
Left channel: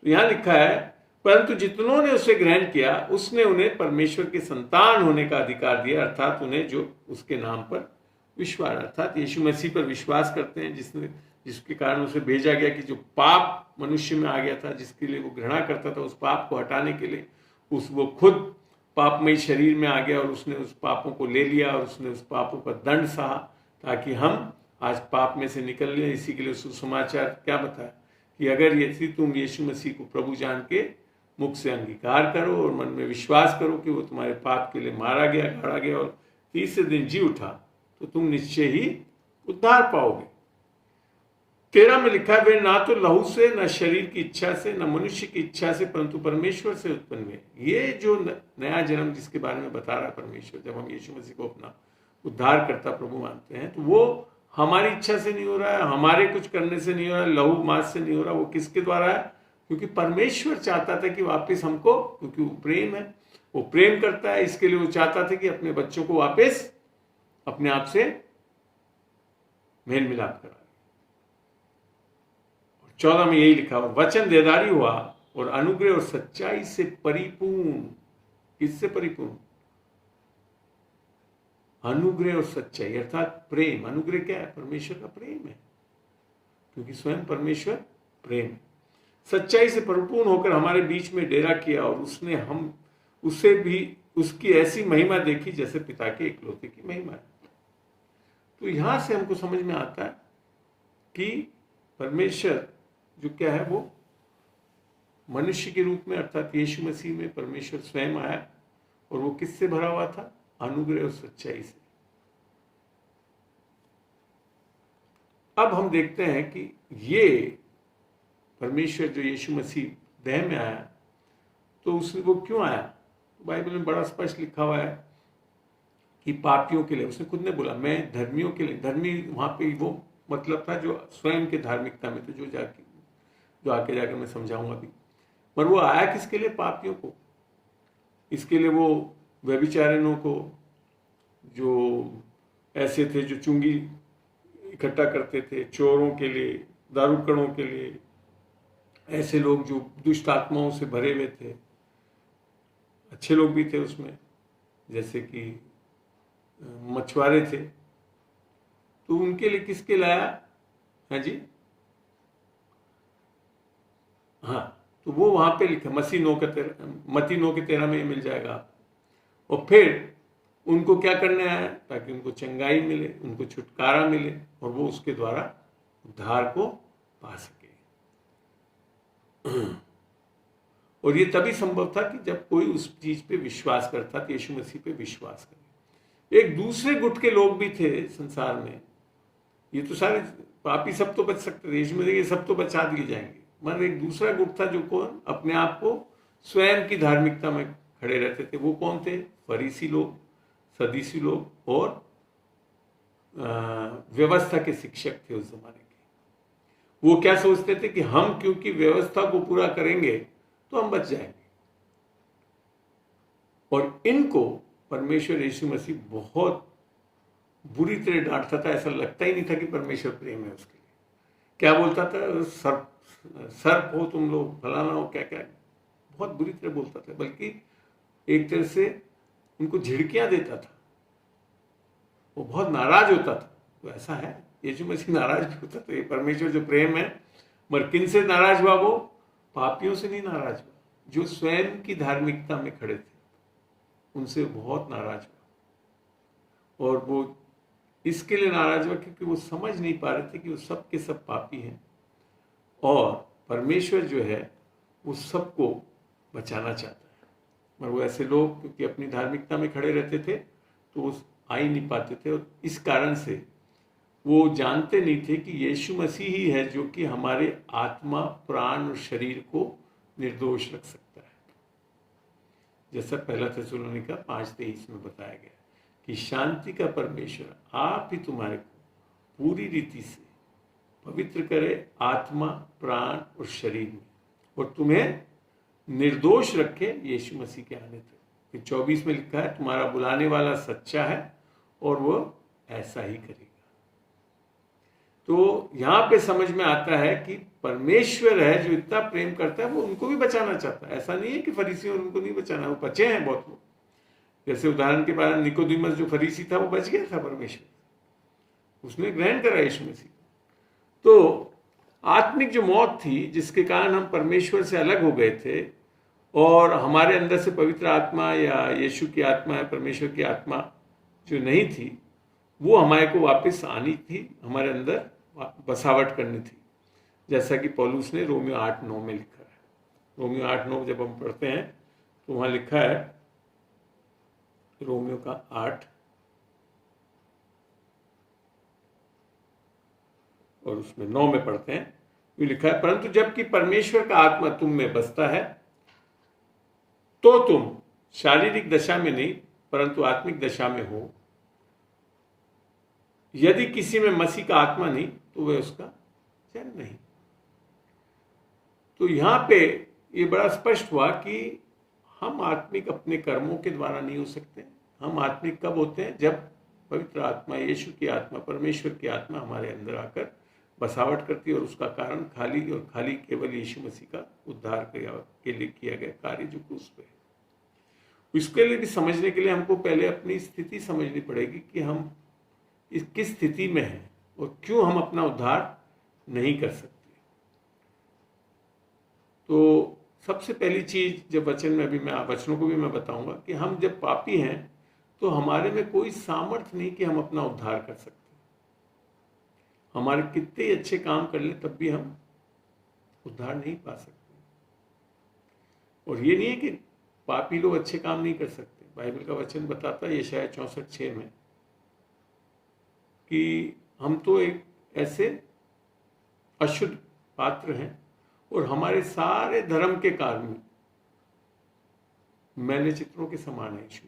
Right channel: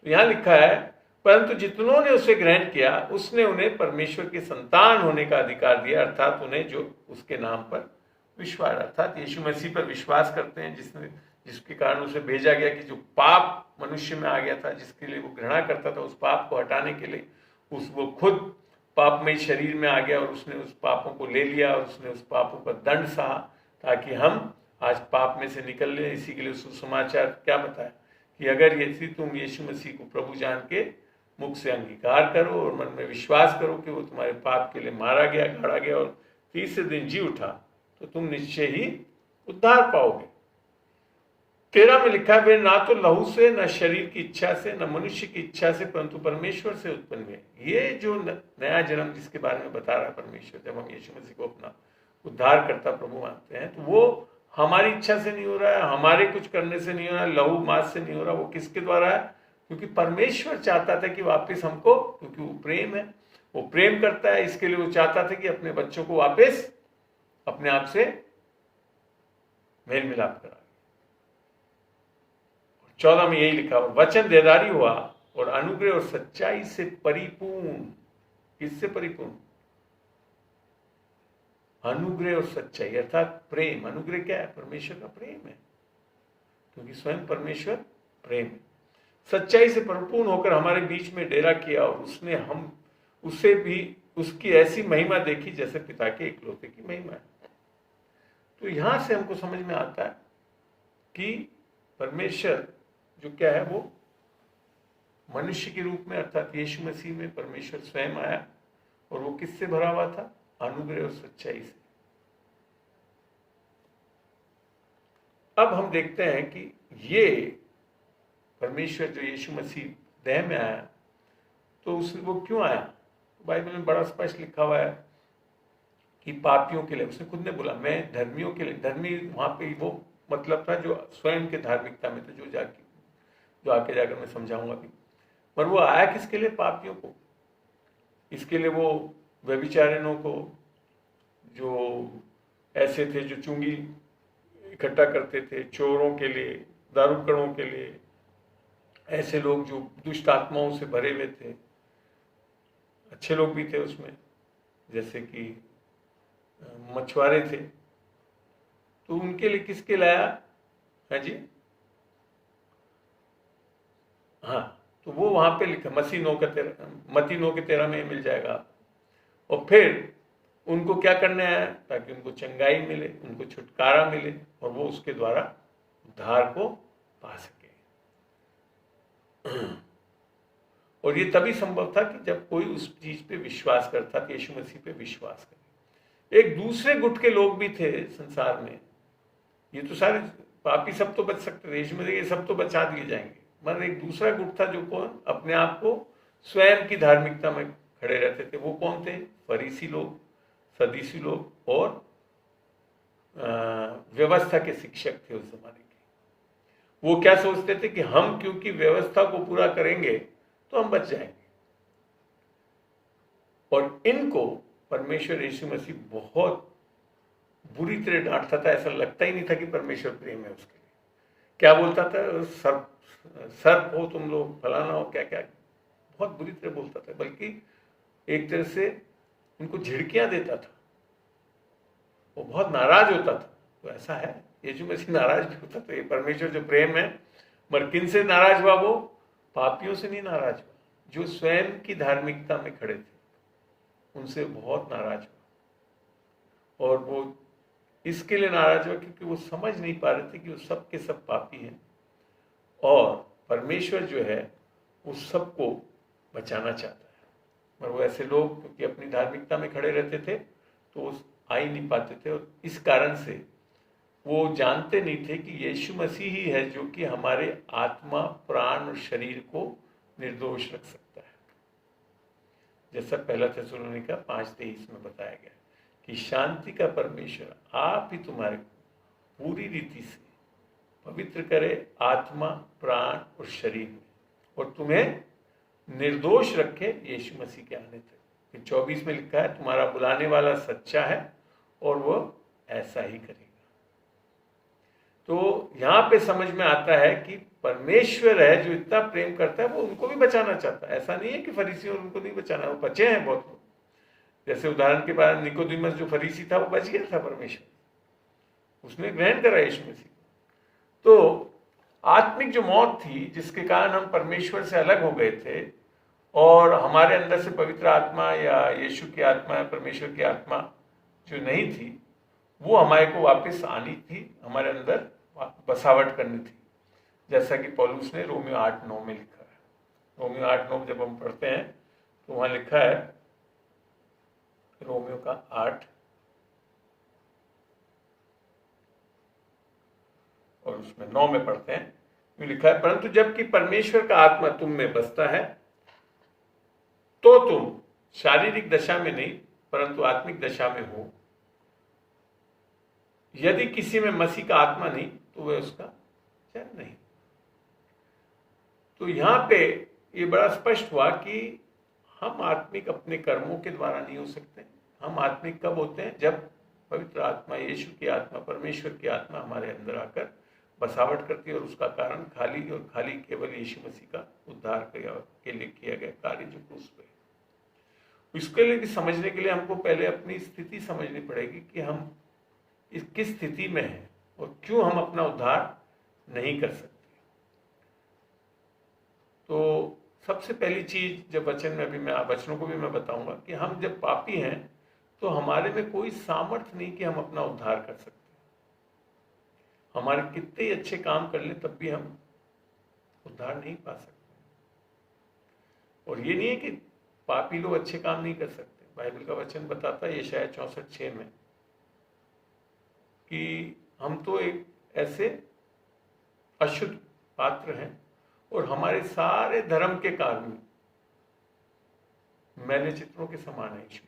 तो यहां लिखा है, परंतु जितनों ने उसे ग्रहण किया उसने उन्हें परमेश्वर के संतान होने का अधिकार दिया, अर्थात उन्हें जो उसके नाम पर विश्वास, अर्थात यीशु मसीह पर विश्वास करते हैं, जिसके कारण उसे भेजा गया, कि जो पाप मनुष्य में आ गया था, जिसके लिए वो घृणा करता था, उस पाप को हटाने के लिए वो खुद पापमय शरीर में आ गया और उसने उस पापों को ले लिया और उसने उस पापों पर दंड सहा, ताकि हम आज पाप में से निकल लें। इसी के लिए सुसमाचार क्या बताया कि अगर यदि तुम यीशु मसीह को प्रभु जान के मुख से अंगीकार करो और मन में विश्वास करो कि वो तुम्हारे पाप के लिए मारा गया, गाड़ा गया और तीसरे दिन जी उठा, तो तुम निश्चय ही उद्धार पाओगे। 13 में लिखा है, वे ना तो लहू से, न शरीर की इच्छा से, न मनुष्य की इच्छा से, परंतु परमेश्वर से उत्पन्न हुए। ये जो नया जन्म जिसके बारे में बता रहा है परमेश्वर, जब हम यीशु मसीह को अपना उद्धार करता प्रभु मानते हैं, तो वो हमारी इच्छा से नहीं हो रहा है, हमारे कुछ करने से नहीं हो रहा है, लहू मांस से नहीं हो रहा। वो किसके द्वारा है? क्योंकि परमेश्वर चाहता था कि वापस हमको, क्योंकि वो प्रेम है, वो प्रेम करता है, इसके लिए वो चाहता था कि अपने बच्चों को वापस अपने आप से मेल मिलाप करा। 14 में यही लिखा हुआ, वचन देहधारी हुआ और अनुग्रह और सच्चाई से परिपूर्ण। किससे परिपूर्ण? अनुग्रह और सच्चाई, अर्थात प्रेम। अनुग्रह क्या है? परमेश्वर का प्रेम है, क्योंकि स्वयं परमेश्वर प्रेम। सच्चाई से परिपूर्ण होकर हमारे बीच में डेरा किया और उसने हम उसे भी उसकी ऐसी महिमा देखी जैसे पिता के इकलौते की महिमा है। तो यहां से हमको समझ में आता है कि परमेश्वर जो क्या है, वो मनुष्य के रूप में अर्थात यीशु मसीह में परमेश्वर स्वयं आया, और वो किससे भरा हुआ था? अनुग्रह और सच्चाई से। अब हम देखते हैं कि ये परमेश्वर जो यीशु मसीह देह में आया, तो उसने वो क्यों आया? बाइबल में बड़ा स्पष्ट लिखा हुआ है कि पापियों के लिए। उसने खुद ने बोला मैं धर्मियों के लिए। धर्मी वहां पे वो मतलब था जो स्वयं के धार्मिकता में, तो जो आके जाकर मैं समझाऊंगा अभी। पर वो आया किसके लिए? पापियों को। इसके लिए वो व्यभिचारिणों को, जो ऐसे थे जो चुंगी इकट्ठा करते थे, चोरों के लिए, दारूकड़ों के लिए, ऐसे लोग जो दुष्ट आत्माओं से भरे हुए थे। अच्छे लोग भी थे उसमें, जैसे कि मछुआरे थे, तो उनके लिए किसके लाया है जी? हाँ, तो वो वहां पे लिखा मती 9:13 में मिल जाएगा। और फिर उनको क्या करने आया? ताकि उनको चंगाई मिले, उनको छुटकारा मिले, और वो उसके द्वारा उद्धार को पा सके। और ये तभी संभव था कि जब कोई उस चीज पे विश्वास करता, कि यीशु मसीह पे विश्वास करता। एक दूसरे गुट के लोग भी थे संसार में। ये तो सारे पापी सब तो बच सकते थे, यीशु मसीह ये सब तो बचा दिए जाएंगे, मगर एक दूसरा गुट था जो कौन अपने आप को स्वयं की धार्मिकता में खड़े रहते थे। वो कौन थे? फरीसी लोग, सदूसी लोग और व्यवस्था के शिक्षक थे उस जमाने के। वो क्या सोचते थे कि हम क्योंकि व्यवस्था को पूरा करेंगे तो हम बच जाएंगे। और इनको परमेश्वर यीशु मसीह बहुत बुरी तरह डांटता था। ऐसा लगता ही नहीं था कि परमेश्वर प्रेम है उसके लिए। क्या बोलता था? सर्प हो तुम लोग, फलाना हो, क्या क्या, बहुत बुरी तरह बोलता था। बल्कि एक तरह से उनको झिड़कियां देता था। वो बहुत नाराज होता था। तो ऐसा है, यीशु मसीह नाराज भी होता था। ये परमेश्वर जो प्रेम है, मगर किन से नाराज हुआ? वो पापियों से नहीं नाराज हुआ, जो स्वयं की धार्मिकता में खड़े थे, उनसे बहुत नाराज हुआ। और वो इसके लिए नाराज हुआ क्योंकि वो समझ नहीं पा रहे थे कि वो सब के सब पापी हैं, और परमेश्वर जो है वो सबको बचाना चाहता है। मगर वो ऐसे लोग क्योंकि अपनी धार्मिकता में खड़े रहते थे, तो वो आ ही नहीं पाते थे। और इस कारण से वो जानते नहीं थे कि यीशु मसीह ही है जो कि हमारे आत्मा, प्राण और शरीर को निर्दोष रख सकता है। जैसा पहला थिस्सलुनीका 5:23 में बताया गया कि शांति का परमेश्वर आप ही तुम्हारे पूरी रीति से पवित्र करे, आत्मा, प्राण और शरीर में, और तुम्हें निर्दोष रखे यीशु मसीह के आने तक। फिर 24 में लिखा है तुम्हारा बुलाने वाला सच्चा है और वो ऐसा ही करेगा। तो यहां पे समझ में आता है कि परमेश्वर है जो इतना प्रेम करता है, वो उनको भी बचाना चाहता है। ऐसा नहीं है कि फरीसी और उनको नहीं बचाना, वो बचे हैं बहुत लोग। जैसे उदाहरण के बाद निकोदेमस जो फरीसी था, वो बच गया था परमेश्वर, उसने ग्रहण करा यीशु मसीह। तो आत्मिक जो मौत थी, जिसके कारण हम परमेश्वर से अलग हो गए थे, और हमारे अंदर से पवित्र आत्मा या यीशु की आत्मा या परमेश्वर की आत्मा जो नहीं थी, वो हमारे को वापस आनी थी, हमारे अंदर बसावट करनी थी। जैसा कि पौलुस ने रोमियो 8:9 में लिखा है। रोमियो 8:9 जब हम पढ़ते हैं तो वहां लिखा है, रोमियो का 8 और उसमें 9 में पढ़ते हैं, ये लिखा है परंतु जबकि परमेश्वर का आत्मा तुम में बसता है, तो तुम शारीरिक दशा में नहीं परंतु आत्मिक दशा में हो। यदि किसी में मसीह का आत्मा नहीं तो वह उसका जन नहीं। तो यहां पे ये बड़ा स्पष्ट हुआ कि हम आत्मिक अपने कर्मों के द्वारा नहीं हो सकते। हम आत्मिक कब होते हैं? जब पवित्र आत्मा, यीशु की आत्मा, परमेश्वर की आत्मा हमारे अंदर आकर बसावट करती है, और उसका कारण खाली और खाली केवल यीशु मसीह का उद्धार के लिए किया गया कार्य जो क्रूस पे। इसके लिए भी समझने के लिए हमको पहले अपनी स्थिति समझनी पड़ेगी कि हम किस स्थिति में हैं और क्यों हम अपना उद्धार नहीं कर सकते। तो सबसे पहली चीज, जब वचन में अभी मैं वचनों को भी मैं बताऊंगा कि हम जब पापी हैं तो हमारे में कोई सामर्थ्य नहीं कि हम अपना उद्धार कर सकते। हमारे कितने अच्छे काम कर ले तब भी हम उद्धार नहीं पा सकते। और ये नहीं है कि पापी लोग अच्छे काम नहीं कर सकते। बाइबल का वचन बताता है यशायाह 64:6 में कि हम तो एक ऐसे अशुद्ध पात्र हैं और हमारे सारे धर्म के कारण मैंने चित्रों के समान है यीशु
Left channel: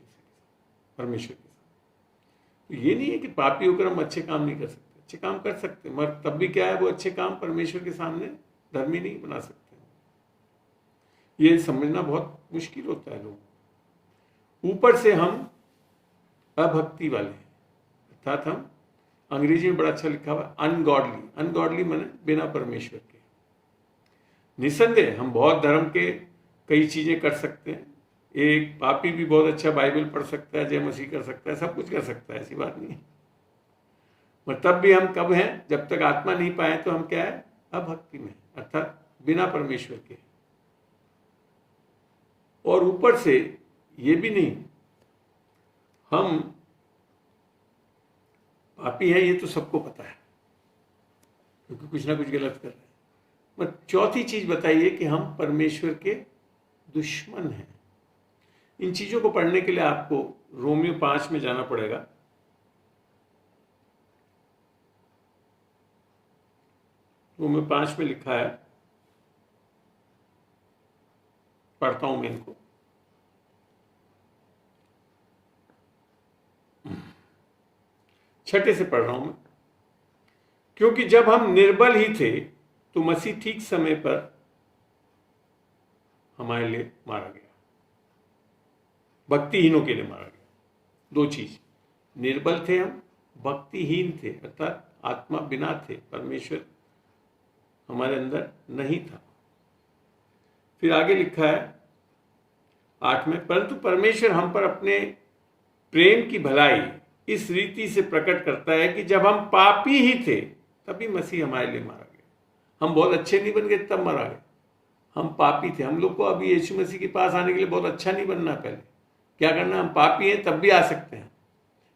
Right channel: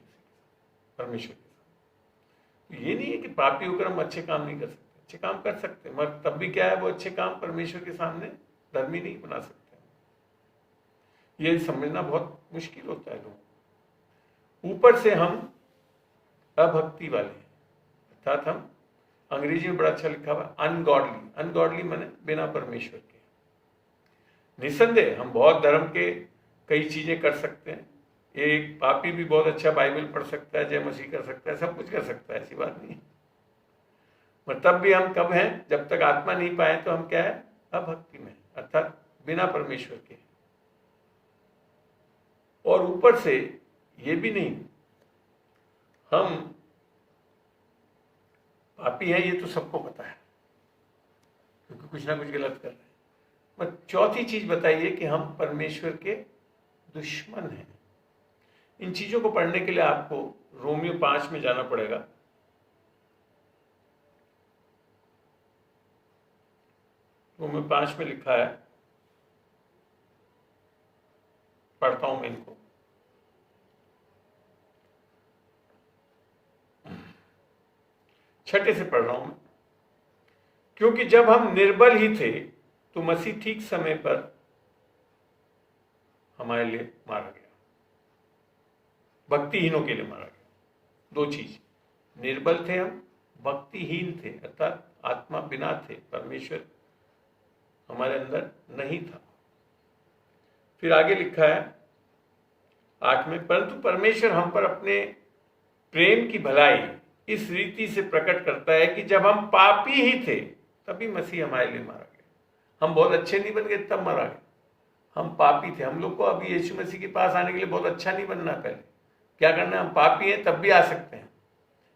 परमेश्वर के सामने। ये नहीं है कि पापी होकर हम अच्छे काम नहीं कर सकते, अच्छे काम कर सकते, मगर तब भी क्या है, वो अच्छे काम परमेश्वर के सामने धर्मी नहीं बना सकते। ये समझना बहुत मुश्किल होता है लोग। ऊपर से हम अभक्ति वाले हैं, अर्थात हम, अंग्रेजी में बड़ा अच्छा लिखा हुआ अनगॉडली, अनगॉडली माने बिना परमेश्वर के। निसंदेह हम बहुत धर्म के कई चीजें कर सकते हैं। एक पापी भी बहुत अच्छा बाइबल पढ़ सकता है, जय मसीह कर सकता है, सब कुछ कर सकता है, ऐसी बात नहीं है। पर तब भी हम कब हैं, जब तक आत्मा नहीं पाए तो हम क्या है, अभक्ति में, अर्थात बिना परमेश्वर के। और ऊपर से ये भी नहीं, हम पापी हैं, ये तो सबको पता है क्योंकि कुछ ना कुछ गलत कर रहे हैं। पर चौथी चीज बताइए कि हम परमेश्वर के दुश्मन हैं। इन चीजों को पढ़ने के लिए आपको रोमियो 5 में जाना पड़ेगा। रोमियो 5 में लिखा है, पढ़ता हूं मैं इनको। 6 से पढ़ रहा हूं मैं। क्योंकि जब हम निर्बल ही थे तो मसीह ठीक समय पर हमारे लिए मारा गया, भक्तिहीनों के लिए मारा गया। दो चीज, निर्बल थे हम, भक्तिहीन थे, अर्थात आत्मा बिना थे, परमेश्वर हमारे अंदर नहीं था। फिर आगे लिखा है 8 में, परंतु परमेश्वर हम पर अपने प्रेम की भलाई इस रीति से प्रकट करता है कि जब हम पापी ही थे तभी मसीह हमारे लिए मारा गया। हम बहुत अच्छे नहीं बन गए तब मारा गया, हम पापी थे। हम लोग को अभी यीशु मसीह के पास आने के लिए बहुत अच्छा नहीं बनना, पहले क्या करना है, हम पापी हैं तब भी आ सकते हैं।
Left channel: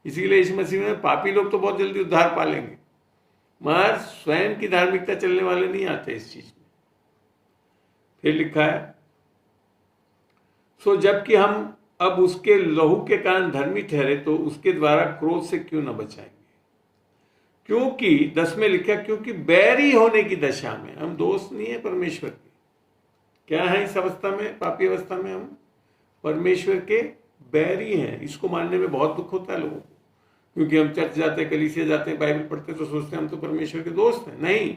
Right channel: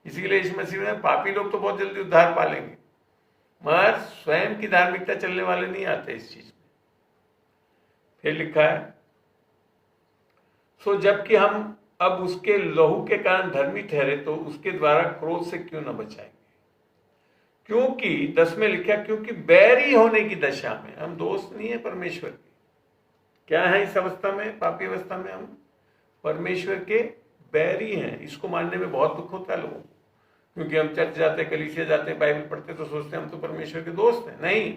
इसीलिए यीशु मसीह ने, पापी लोग तो बहुत जल्दी उद्धार पा लेंगे, मगर स्वयं की धार्मिकता चलने वाले नहीं आते इस चीज में। फिर लिखा है, सो जबकि हम अब उसके लहू के कारण धर्मी ठहरे तो उसके द्वारा क्रोध से क्यों न बचाएंगे। क्योंकि 10 में लिखा, क्योंकि बैरी होने की दशा में, हम दोस्त नहीं है परमेश्वर के, क्या है इस अवस्था में, पापी अवस्था में हम परमेश्वर के बैरी हैं। इसको मानने में बहुत दुख होता है लोगों को, क्योंकि हम चर्च जाते, कलीसिया जाते, बाइबल पढ़ते तो सोचते हैं हम तो परमेश्वर के दोस्त हैं। नहीं,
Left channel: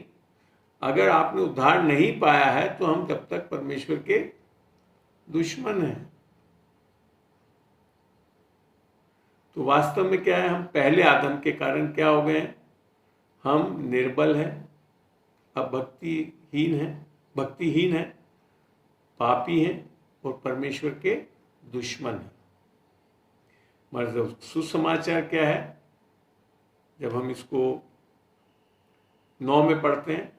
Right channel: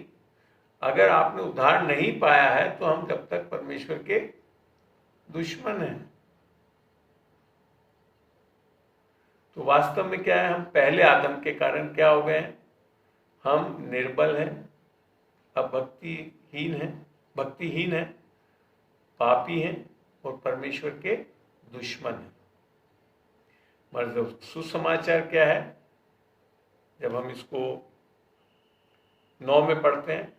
अगर आपने उद्धार नहीं पाया है तो हम तब तक परमेश्वर के दुश्मन हैं। तो वास्तव में क्या है, हम पहले आदम के कारण क्या हो गए हैं, हम निर्बल हैं, अब भक्तिहीन है, पापी हैं और परमेश्वर के दुश्मन हैं। मतलब सुसमाचार क्या है, जब हम इसको 9 में पढ़ते हैं,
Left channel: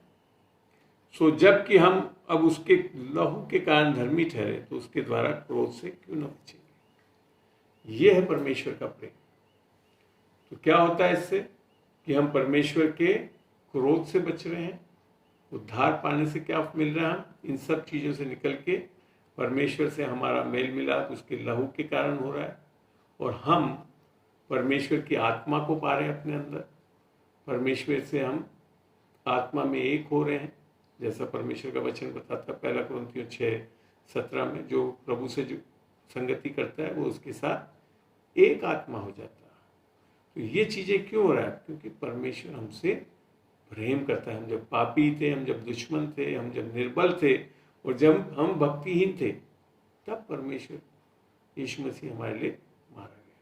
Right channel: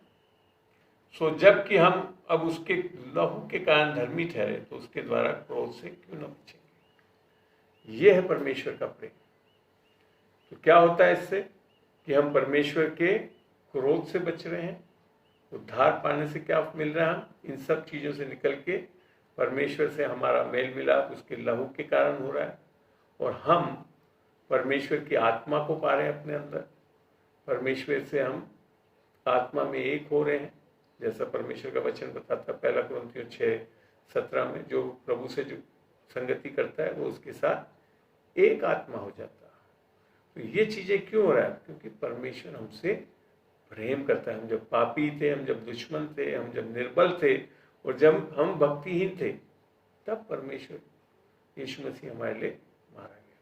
सो जबकि हम अब उसके लहू के कारण धर्मी ठहरे तो उसके द्वारा क्रोध से क्यों न बचे। यह है परमेश्वर का प्रेम। तो क्या होता है इससे कि हम परमेश्वर के क्रोध से बच रहे हैं, उद्धार पाने से क्या मिल रहा है, हम इन सब चीजों से निकल के परमेश्वर से हमारा मेल मिलाप उसके लहू के कारण हो रहा है, और हम परमेश्वर की आत्मा को पा रहे हैं अपने अंदर। परमेश्वर से हम आत्मा में एक हो रहे हैं, जैसा परमेश्वर का वचन बताता है 1 कुरिन्थियों 6:17 में, जो प्रभु से जो संगति करता है वो उसके साथ एक आत्मा हो जाता है। तो ये चीजें क्यों हो रहा है, क्योंकि परमेश्वर हमसे प्रेम करता है। हम जब पापी थे, हम जब दुश्मन थे, हम जब निर्बल थे और जब हम भक्तिहीन थे, तब परमेश्वर यीशु मसीह हमारे लिए मारा गया।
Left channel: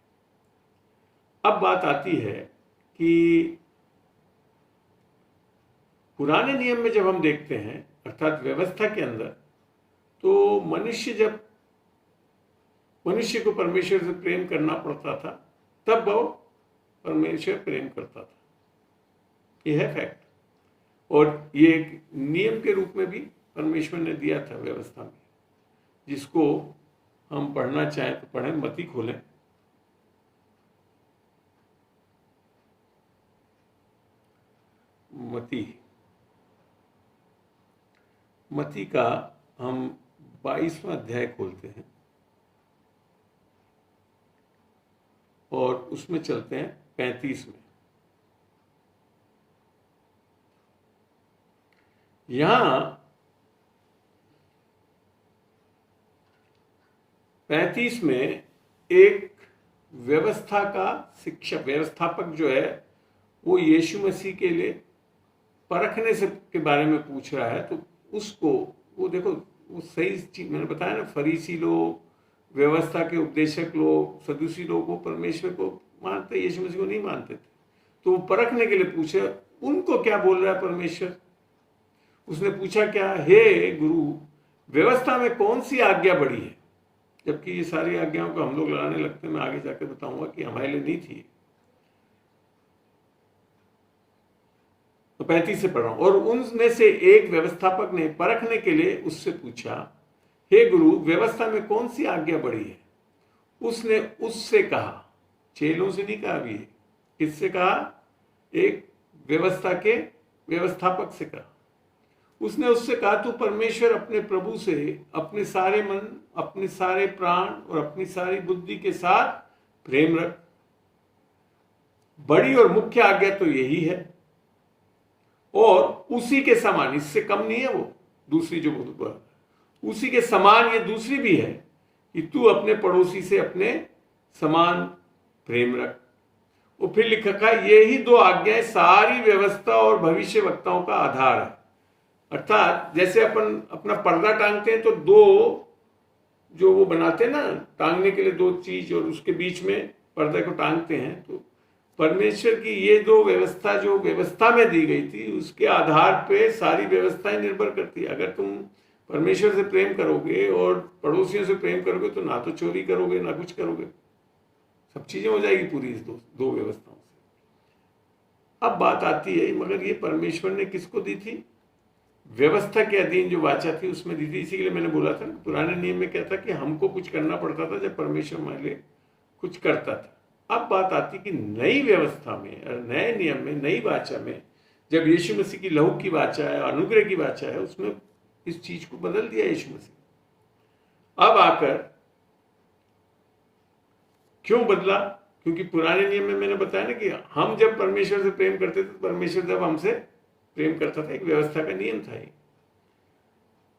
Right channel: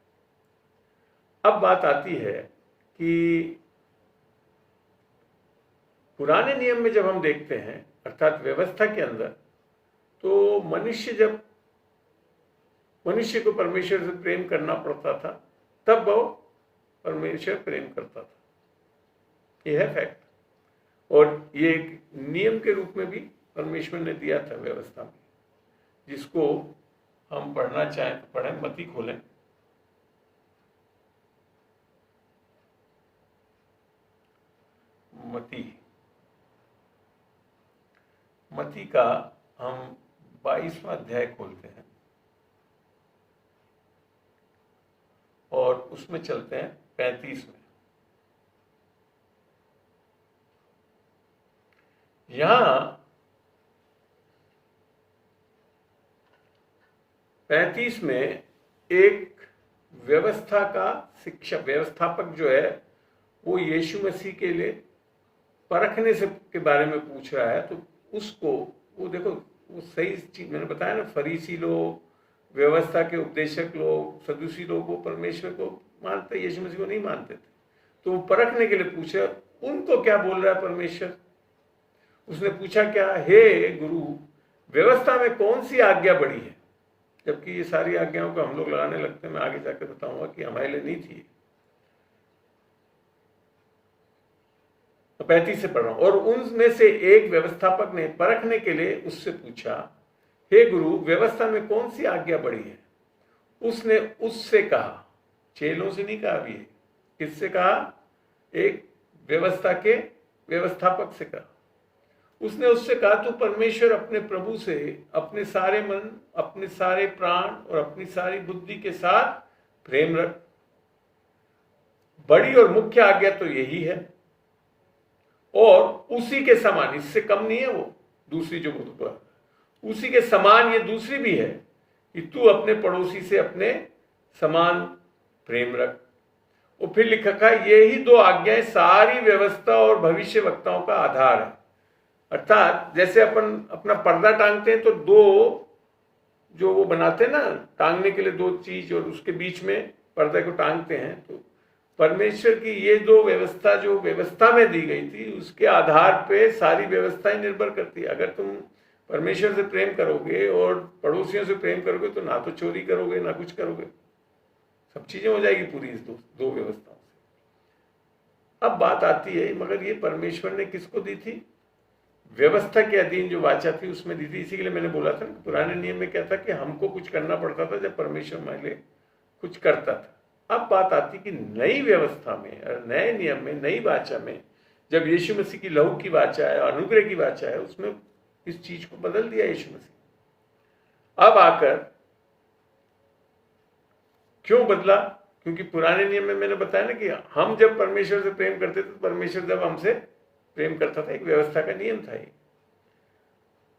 अब बात आती है कि पुराने नियम में जब हम देखते हैं, अर्थात व्यवस्था के अंदर, तो मनुष्य को परमेश्वर से प्रेम करना पड़ता था, तब वो परमेश्वर प्रेम करता था। यह है फैक्ट। और ये एक नियम के रूप में भी परमेश्वर ने दिया था व्यवस्था में, जिसको हम पढ़ना चाहें तो पढ़ें। मत्ती खोलें, मत्ती का हम 22वां अध्याय खोलते हैं और उसमें चलते हैं 35 में। यहां 35 में एक व्यवस्था का शिक्षक व्यवस्थापक जो है वो यीशु मसीह के लिए परखने से के बारे में पूछ रहा है। तो उसको वो देखो, वो सही चीज मैंने बताया ना, फरीसी लोग, व्यवस्था के उपदेशक लोग, सदूसी लोग को परमेश्वर को मानते, यीशु मसीह को नहीं मानते थे। तो वो परखने के लिए पूछा उनको क्या बोल रहा है परमेश्वर। उसने पूछा क्या, हे गुरु, व्यवस्था में कौन सी आज्ञा बड़ी है? जबकि ये सारी आज्ञाओं को हम लोग लगाने लगते हैं, मैं आगे जाकर बताऊंगा कि हमारे लिए नहीं थी। तो 35 से पढ़ रहा हूं। और उनमें से एक व्यवस्थापक ने परखने के लिए उससे पूछा, हे गुरु, व्यवस्था में कौन सी आज्ञा बड़ी है? उसने उससे कहा, चेलों से नहीं कहा, अभी किससे कहा? एक व्यवस्था के व्यवस्थापक से कहा। उसने उससे कहा, तू परमेश्वर अपने प्रभु से अपने सारे मन, अपने सारे प्राण और अपनी सारी बुद्धि के साथ प्रेम रख। बड़ी और मुख्य आज्ञा तो यही है, और उसी के समान, इससे कम नहीं है वो दूसरी जो बोल, उसी के समान ये दूसरी भी है कि तू अपने पड़ोसी से अपने समान प्रेम रख। और फिर लिखा है, ये ही दो आज्ञाएं सारी व्यवस्था और भविष्य वक्ताओं का आधार है। अर्थात जैसे अपन अपना पर्दा टांगते हैं तो दो जो वो बनाते हैं ना, टांगने के लिए दो चीज, और उसके बीच में पर्दे को टांगते हैं। तो परमेश्वर की ये दो व्यवस्था जो व्यवस्था में दी गई थी, उसके आधार पे सारी व्यवस्थाएं निर्भर करती है। अगर तुम परमेश्वर से प्रेम करोगे और पड़ोसियों से प्रेम करोगे तो ना तो चोरी करोगे ना कुछ करोगे, सब चीजें हो जाएगी पूरी इस दो व्यवस्थाओं से। अब बात आती है, मगर ये परमेश्वर ने किसको दी थी? व्यवस्था के अधीन जो वाचा थी उसमें दी थी। इसी के लिए मैंने बोला था ना, पुराने नियम में क्या था कि हमको कुछ करना पड़ता था जब परमेश्वर हमारे लिए कुछ करता था। अब बात आती कि नई व्यवस्था में, नए नियम में, नई वाचा में, जब यीशु मसीह की लहू की वाचा है, अनुग्रह की वाचा है, उसमें इस चीज को बदल दिया यीशु मसीह। अब आकर क्यों बदला? क्योंकि पुराने नियम में मैंने बताया ना कि हम जब परमेश्वर से प्रेम करते थे तो परमेश्वर जब हमसे प्रेम करता था, एक व्यवस्था का नियम था ये।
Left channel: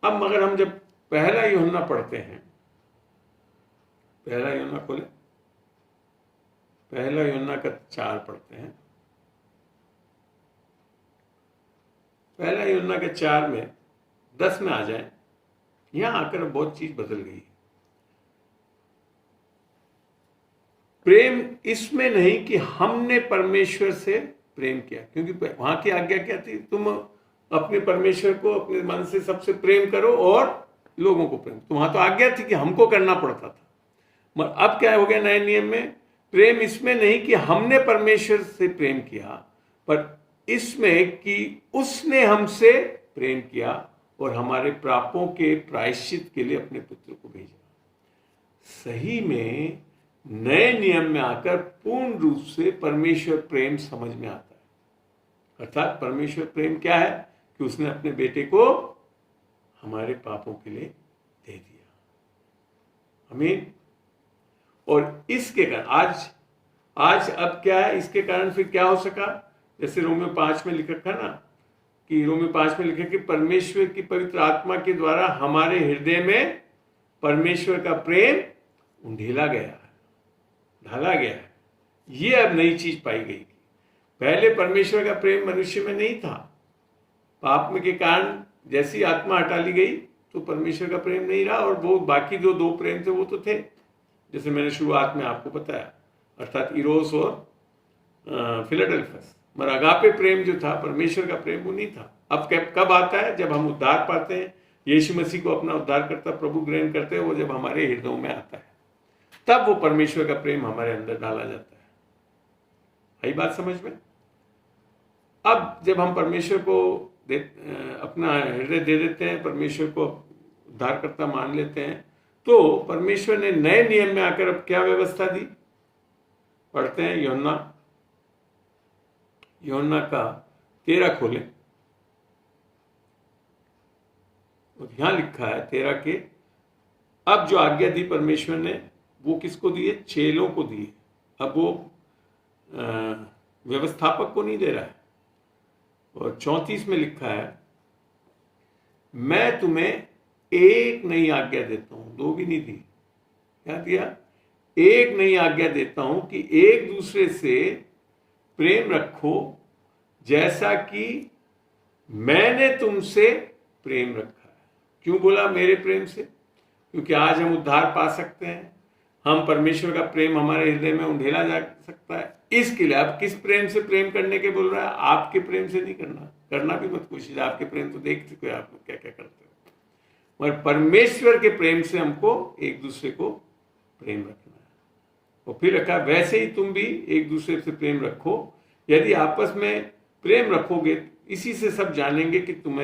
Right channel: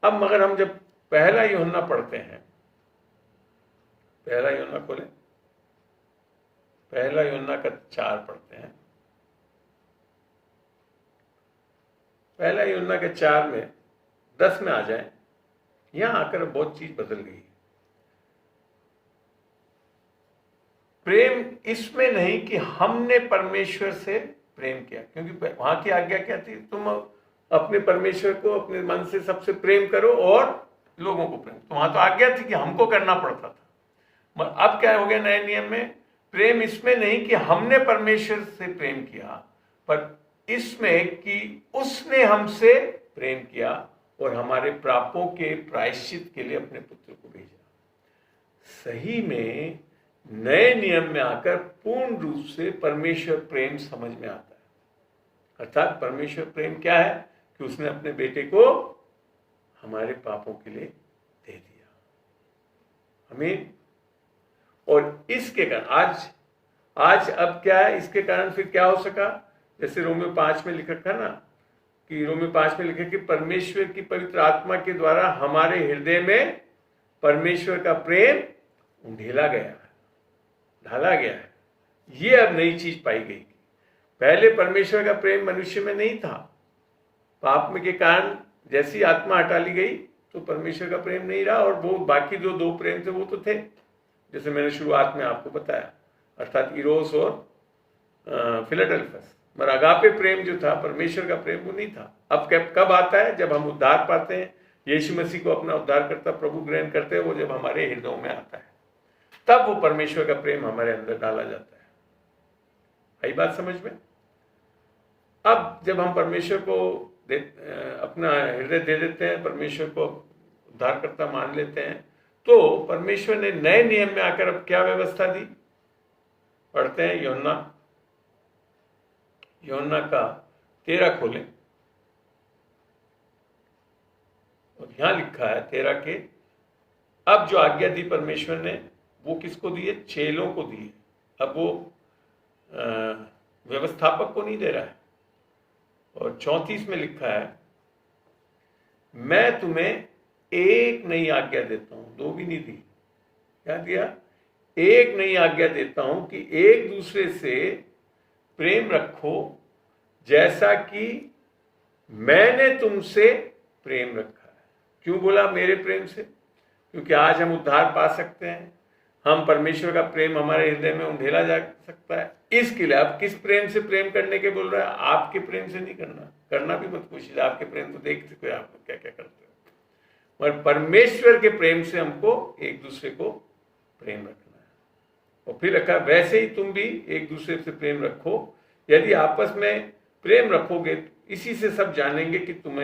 अब मगर हम जब पहला यूहन्ना पढ़ते हैं, पहला यूहन्ना खोले, पहला यूहन्ना का 4 पढ़ते हैं। पहला यूहन्ना के 4 में 10 में आ जाए, यहां आकर बहुत चीज बदल गई। प्रेम इसमें नहीं कि हमने परमेश्वर से प्रेम किया, क्योंकि वहां की आज्ञा क्या थी? तुम अपने परमेश्वर को अपने मन से सबसे प्रेम करो और लोगों को प्रेम। तो वहां तो आज्ञा थी कि हमको करना पड़ता था। मगर अब क्या हो गया नए नियम में? प्रेम इसमें नहीं कि हमने परमेश्वर से प्रेम किया, पर इसमें कि उसने हमसे प्रेम किया और हमारे पापों के प्रायश्चित के लिए अपने पुत्र को भेजा। सही में नए नियम में आकर पूर्ण रूप से परमेश्वर प्रेम समझ में आता है। अर्थात परमेश्वर प्रेम क्या है? कि उसने अपने बेटे को हमारे पापों के लिए दे दिया। आमीन। और इसके कारण आज अब क्या है? इसके कारण फिर क्या हो सका? जैसे रोमियो 5 में लिखा था ना, कि रोमियो 5 में लिखा कि परमेश्वर की पवित्र आत्मा के द्वारा हमारे हृदय में परमेश्वर का प्रेम ढेला गया है, ढाला गया है। ये अब नई चीज पाई गई। पहले परमेश्वर का प्रेम मनुष्य में नहीं था। पाप में के कारण जैसी आत्मा हटा ली गई तो परमेश्वर का प्रेम नहीं रहा, और वो बाकी जो दो प्रेम थे वो तो थे, जैसे मैंने शुरुआत में आपको बताया, अर्थात इरोस और फिलाडेल्फस। मगर अगापे प्रेम जो था, परमेश्वर का प्रेम, वो नहीं था। अब कब आता है? जब हम उद्धार पाते हैं, यीशु मसीह को अपना उद्धारकर्ता प्रभु ग्रहण करते हैं, वो जब हमारे हृदयों में आता है, तब वो परमेश्वर का प्रेम हमारे अंदर डाला जाता है। आई बात समझ में? अब जब हम परमेश्वर को अपना हृदय दे देते हैं, परमेश्वर को उद्धारकर्ता मान लेते हैं, तो परमेश्वर ने नए नियम में आकर अब क्या व्यवस्था दी? पढ़ते हैं यूहन्ना का 13 खोले, और यहां लिखा है 13 के अब जो आज्ञा दी परमेश्वर ने वो किसको दी है? चेलों को दी है। अब वो व्यवस्थापक को नहीं दे रहा है। और 34 में लिखा है, मैं तुम्हें एक नई आज्ञा देता हूं, दो भी नहीं दी। क्या दिया? एक नई आज्ञा देता हूं कि एक दूसरे से प्रेम रखो जैसा कि मैंने तुमसे प्रेम रखा है। क्यों बोला मेरे प्रेम से? क्योंकि आज हम उद्धार पा सकते हैं, हम परमेश्वर का प्रेम हमारे हृदय में उंडेला जा सकता है। इसके लिए अब किस प्रेम से प्रेम करने के बोल रहा है? आपके प्रेम से नहीं करना भी मत कोशिश। आपके प्रेम तो देख चुके आप लोग क्या क्या करते हो, मगर परमेश्वर के प्रेम से हमको एक दूसरे को प्रेम रखना है। और फिर रखा, वैसे ही तुम भी एक दूसरे से प्रेम रखो। यदि आपस में प्रेम रखोगे इसी से सब जानेंगे कि तुम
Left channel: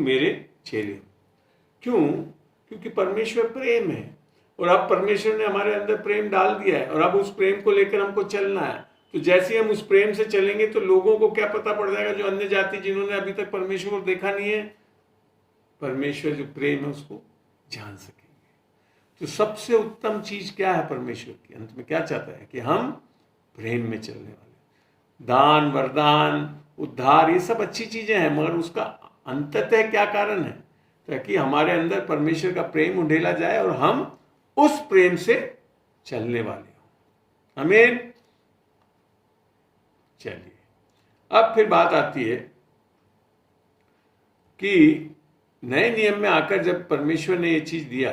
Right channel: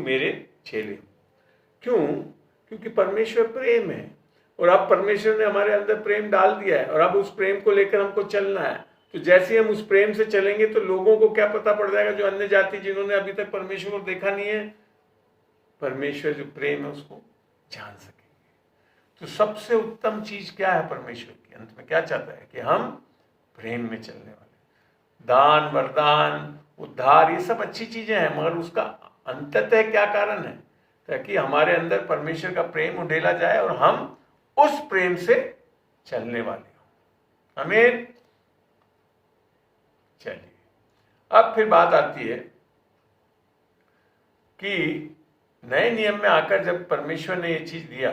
मेरे चेले हो। क्यों? क्योंकि परमेश्वर प्रेम है और अब परमेश्वर ने हमारे अंदर प्रेम डाल दिया है और अब उस प्रेम को लेकर हमको चलना है। तो जैसे हम उस प्रेम से चलेंगे तो लोगों को क्या पता पड़ जाएगा, जो अन्य जाति जिन्होंने अभी तक परमेश्वर को देखा नहीं है, परमेश्वर जो प्रेम है उसको जान सकेंगे। तो सबसे उत्तम चीज क्या है? परमेश्वर के अंत में क्या चाहता है? कि हम प्रेम में चलने वाले। दान, वरदान, उद्धार, ये सब अच्छी चीजें हैं, मगर उसका अंततः क्या कारण है? ताकि हमारे अंदर परमेश्वर का प्रेम उंडेला जाए और हम उस प्रेम से चलने वाले हो। आमीन। चलिए, अब फिर बात आती है कि नए नियम में आकर जब परमेश्वर ने ये चीज दिया,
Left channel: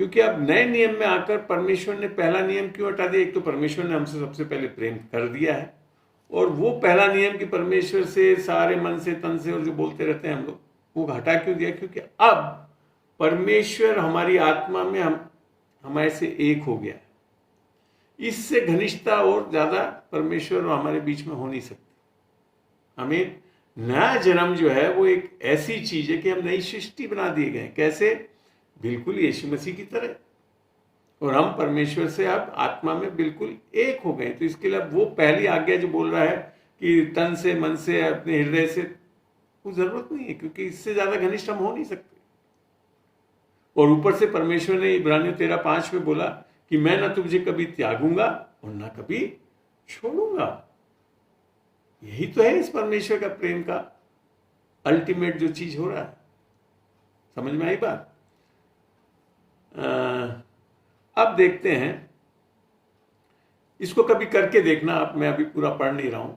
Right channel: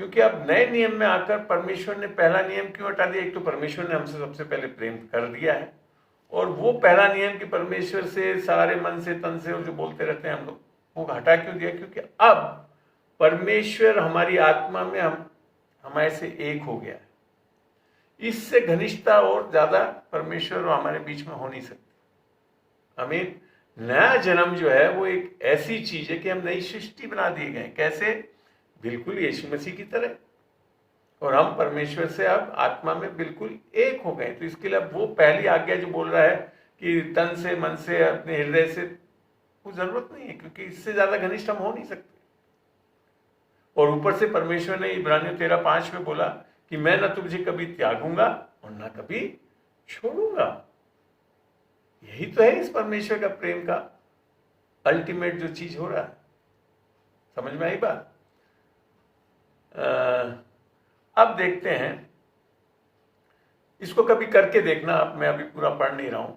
क्योंकि अब नए नियम में आकर परमेश्वर ने पहला नियम क्यों हटा दिया? एक तो परमेश्वर ने हमसे सबसे पहले प्रेम कर दिया है, और वो पहला नियम कि परमेश्वर से सारे मन से, तन से, और जो बोलते रहते हैं हम लोग, वो हटा क्यों दिया? क्योंकि अब परमेश्वर हमारी आत्मा में हमारे से एक हो गया है। इससे घनिष्ठता और ज्यादा परमेश्वर और हमारे बीच में हो नहीं सकती। हमें नया जन्म जो है वो एक ऐसी चीज है कि हम नई सृष्टि बना दिए गए। कैसे? बिल्कुल यीशु मसीह की तरह। और हम परमेश्वर से अब आत्मा में बिल्कुल एक हो गए। तो इसके लिए अब वो पहली आज्ञा जो बोल रहा है कि तन से, मन से, अपने हृदय से, वो जरूरत नहीं है, क्योंकि इससे ज्यादा घनिष्ठ हम हो नहीं सकते। और ऊपर से परमेश्वर ने इब्रानियों 13:5 में बोला कि मैं न तुझे कभी त्यागूंगा और न कभी छोड़ूंगा। यही तो है इस परमेश्वर का प्रेम का अल्टीमेट जो चीज हो रहा है। समझ में आई बात? अब देखते हैं, इसको कभी करके देखना आप, मैं अभी पूरा पढ़ नहीं रहा हूं।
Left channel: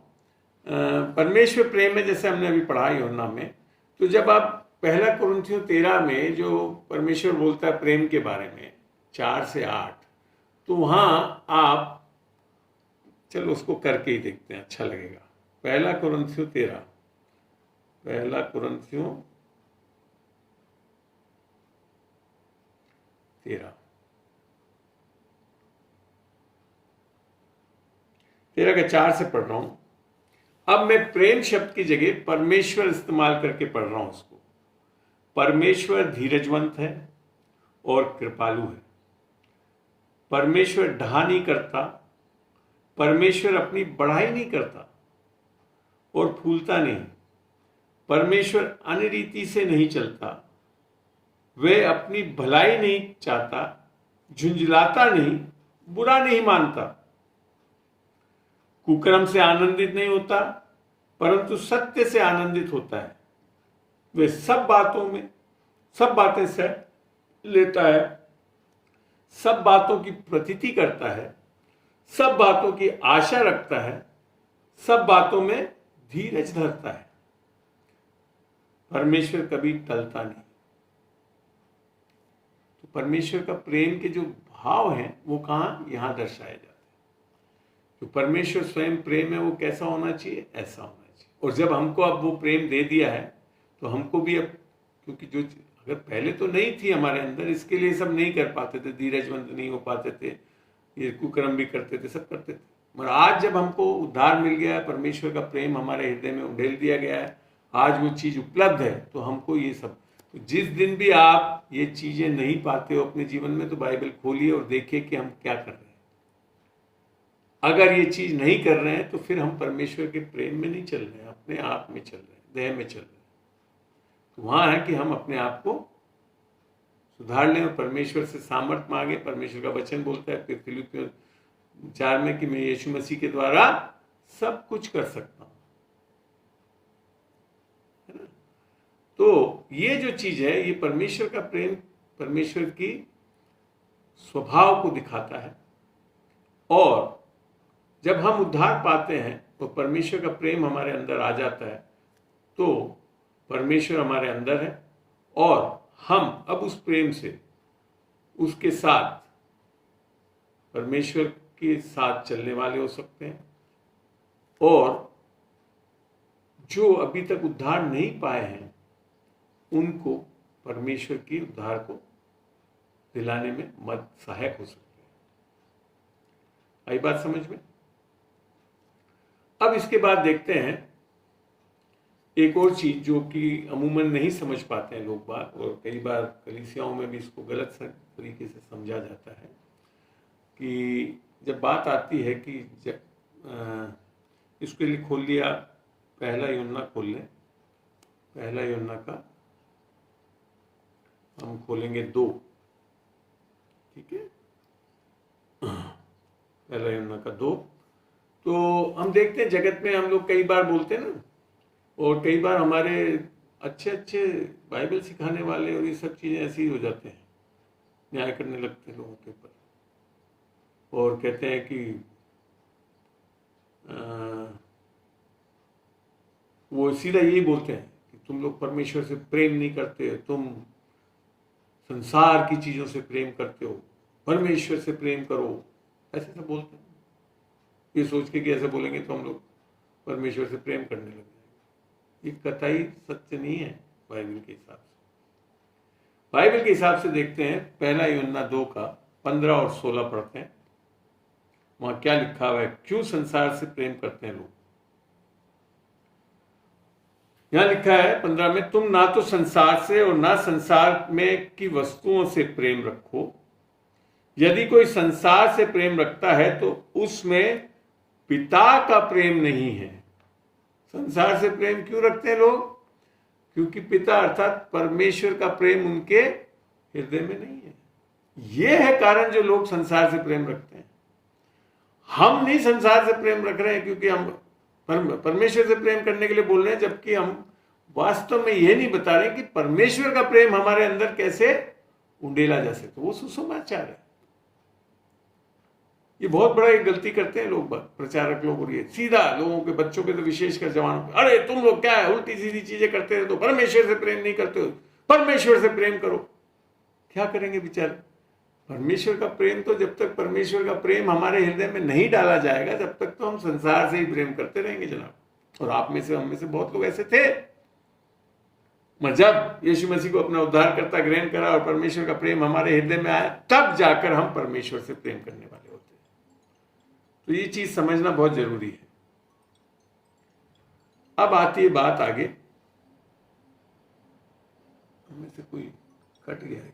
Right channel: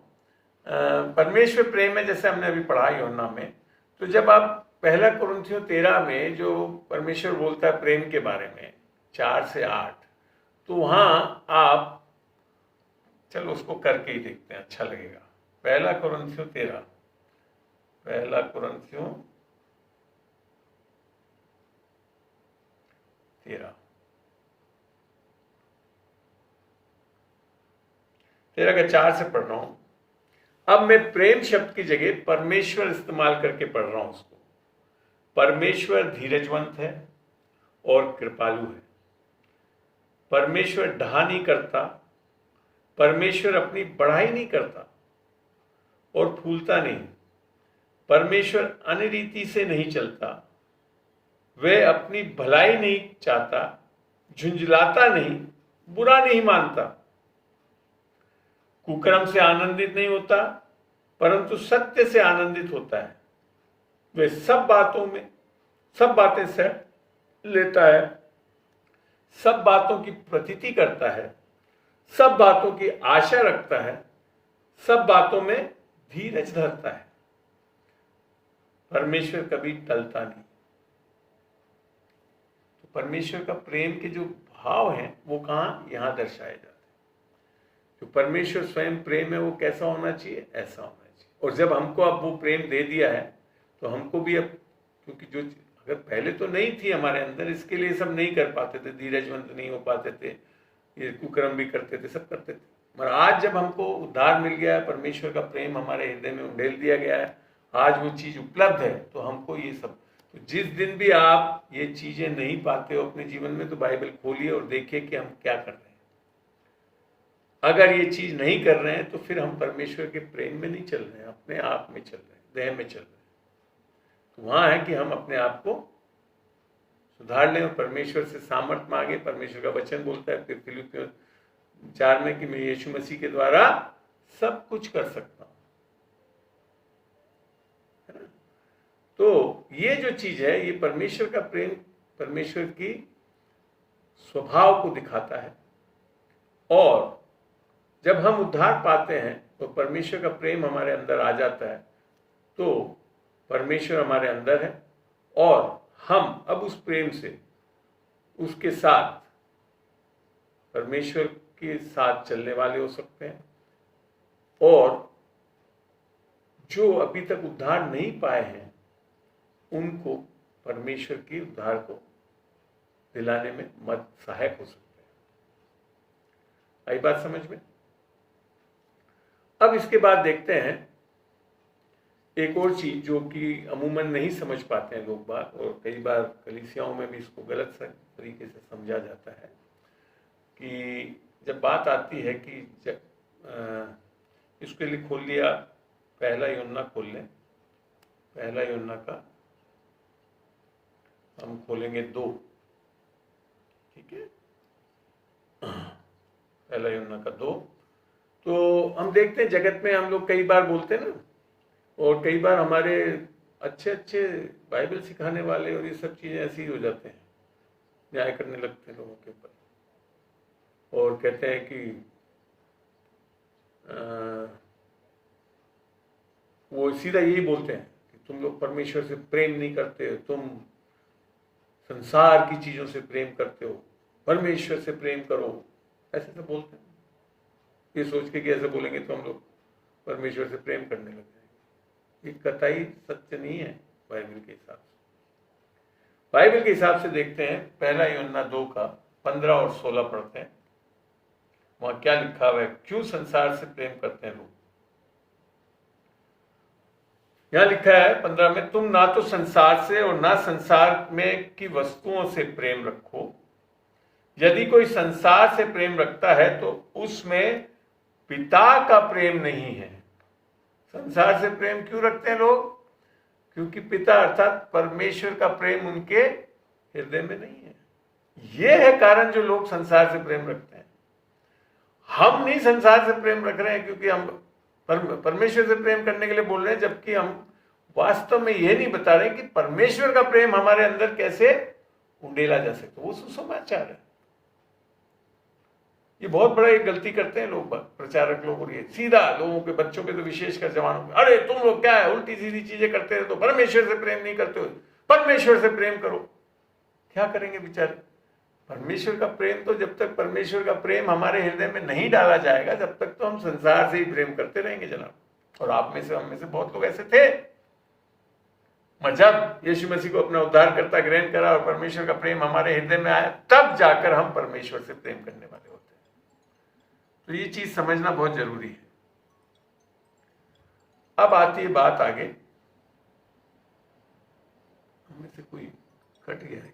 परमेश्वर प्रेम में जैसे हमने अभी पढ़ा यूहन्ना में, तो जब आप पहला कुरिन्थियों 13 में जो परमेश्वर बोलता है प्रेम के बारे में 4 से 8, तो वहां आप चलो उसको करके ही देखते हैं, अच्छा लगेगा। पहला कुरिन्थियों 13, पहला कुरिन्थियों 13 का 4 से पढ़ रहा हूं। अब मैं प्रेम शब्द की जगह परमेश्वर इस्तेमाल करके पढ़ रहा हूं उसको। परमेश्वर धीरजवंत है और कृपालु है। परमेश्वर ढा नहीं करता, परमेश्वर अपनी बढ़ाई नहीं करता और फूलता नहीं। परमेश्वर अनरीति से नहीं चलता, वह अपनी भलाई नहीं चाहता, झुंझलाता नहीं, बुरा नहीं मानता, कुकर्म से आनंदित नहीं होता, परंतु सत्य से आनंदित होता है। वह सब बातें सह लेता है, सब बातों की प्रतीति करता है, सब बातों की आशा रखता है, सब बातों में धीरज धरता है। परमेश्वर कभी टलता नहीं। तो परमेश्वर का प्रेम के जो भाव हैं वो कहां? यहां दर्शाए जाते हैं। तो परमेश्वर स्वयं प्रेम है, वो कैसा होना चाहिए? ऐसा होना चाहिए। और जब हमको अब वो प्रेम दे दिया है तो हमको भी अब, क्योंकि जो अगर पहले तो नहीं थी हमारे अंदर, इसके लिए सब नहीं कर पाते थे, धीरजवंत नहीं हो पाते थे, ये कुकर्म भी करते थे, सब करते थे। मगर आज जब हमको उद्धार मिल गया है, परमेश्वर का प्रेम हमारे हृदय में उंडेल दिया गया है, आज वो चीज उपलब्ध है, तो हमको ये सब, तो जिस दिन भी आप ये चीजें नहीं पाते हो अपने जीवन में, तो बाइबल खोलिए और देखिए कि हम क्या कर रहे हैं। अगर ये चीज नहीं कर रहे हैं तो फिर हम परमेश्वर के प्रेम में नहीं चल रहे हैं, अपने आप में चल रहे हैं, देह में चल रहे हैं। वहां है कि हम अपने आप को सुधार लें और परमेश्वर से सामर्थ्य मांगे। परमेश्वर का वचन बोलता है फिर फिलिपियों 4 में कि मैं यीशु मसीह के द्वारा सब कुछ कर सकता हूं। तो ये जो चीज है, ये परमेश्वर का प्रेम, परमेश्वर की स्वभाव को दिखाता है। और जब हम उद्धार पाते हैं तो परमेश्वर का प्रेम हमारे अंदर आ जाता है, तो परमेश्वर हमारे अंदर है और हम अब उस प्रेम से उसके साथ, परमेश्वर के साथ चलने वाले हो सकते हैं। और जो अभी तक उद्धार नहीं पाए हैं उनको परमेश्वर की उद्धार को दिलाने में मदद सहायक हो सकते हैं। आई बात समझ में? अब इसके बाद देखते हैं एक और चीज जो कि अमूमन नहीं समझ पाते हैं लोग बात, और कई बार कलीसियाओं में भी इसको गलत तरीके से समझा जाता है कि जब बात आती है कि इसके लिए खोल लिया, पहला यूहन्ना खोल लें। पहला यूहन्ना का हम खोलेंगे 2, ठीक है, पहला यूहन्ना का 2। तो हम देखते हैं जगत में हम लोग कई बार बोलते हैं ना, और कई बार हमारे अच्छे अच्छे बाइबल सिखाने वाले और ये सब चीजें ऐसी ही हो जाते हैं, न्याय करने लगते हैं लोगों के ऊपर और कहते हैं कि वो सीधा यही बोलते हैं कि तुम लोग परमेश्वर से प्रेम नहीं करते, तुम संसार की चीजों से प्रेम करते हो, परमेश्वर से प्रेम करो, ऐसे सब बोलते हैं। ये सोच के कि ऐसे बोलेंगे तो हम लोग परमेश्वर से प्रेम करने लग जाएंगे। ये कतई सत्य नहीं है बाइबल के हिसाब से। बाइबल के हिसाब से देखते हैं, पहला यूहन्ना 2 का 15 और 16 पढ़ते हैं। वहां क्या लिखा हुआ है, क्यों संसार से प्रेम करते हैं लोग। यहां लिखा है 15 में, तुम ना तो संसार से और ना संसार में की वस्तुओं से प्रेम रखो। यदि कोई संसार से प्रेम रखता है तो उसमें पिता का प्रेम नहीं है। संसार से प्रेम क्यों रखते हैं लोग? क्योंकि पिता अर्थात परमेश्वर का प्रेम उनके हृदय में नहीं है। यह है कारण जो लोग संसार से प्रेम रखते हैं। हम नहीं संसार से प्रेम रख रहे हैं क्योंकि हम परमेश्वर से प्रेम करने के लिए बोल रहे हैं, जबकि हम वास्तव में यह नहीं बता रहे कि परमेश्वर का प्रेम हमारे अंदर कैसे उंडेला जा सकता। वो सुसमाचार है। ये बहुत बड़ा एक गलती करते हैं लोग, प्रचारक लोग, और ये सीधा लोगों के बच्चों पे तो विशेषकर जवानों पे, अरे तुम लोग क्या है उल्टी सीधी चीजें करते हो, तो परमेश्वर से प्रेम नहीं करते हो, परमेश्वर से प्रेम करो। क्या करेंगे बेचारे? परमेश्वर का प्रेम तो जब तक परमेश्वर का प्रेम हमारे हृदय में नहीं डाला जाएगा तब तक तो हम संसार से ही प्रेम करते रहेंगे जनाब। और आप में से, हम में से बहुत लोग ऐसे थे। जब यीशु मसीह को अपना उद्धारकर्ता ग्रहण करा और परमेश्वर का प्रेम हमारे हृदय में आया, तब जाकर हम परमेश्वर से प्रेम करने वाले होते हैं। तो ये चीज समझना बहुत जरूरी है। अब आती है बात आगे, हमें से कोई कट गया है क्या?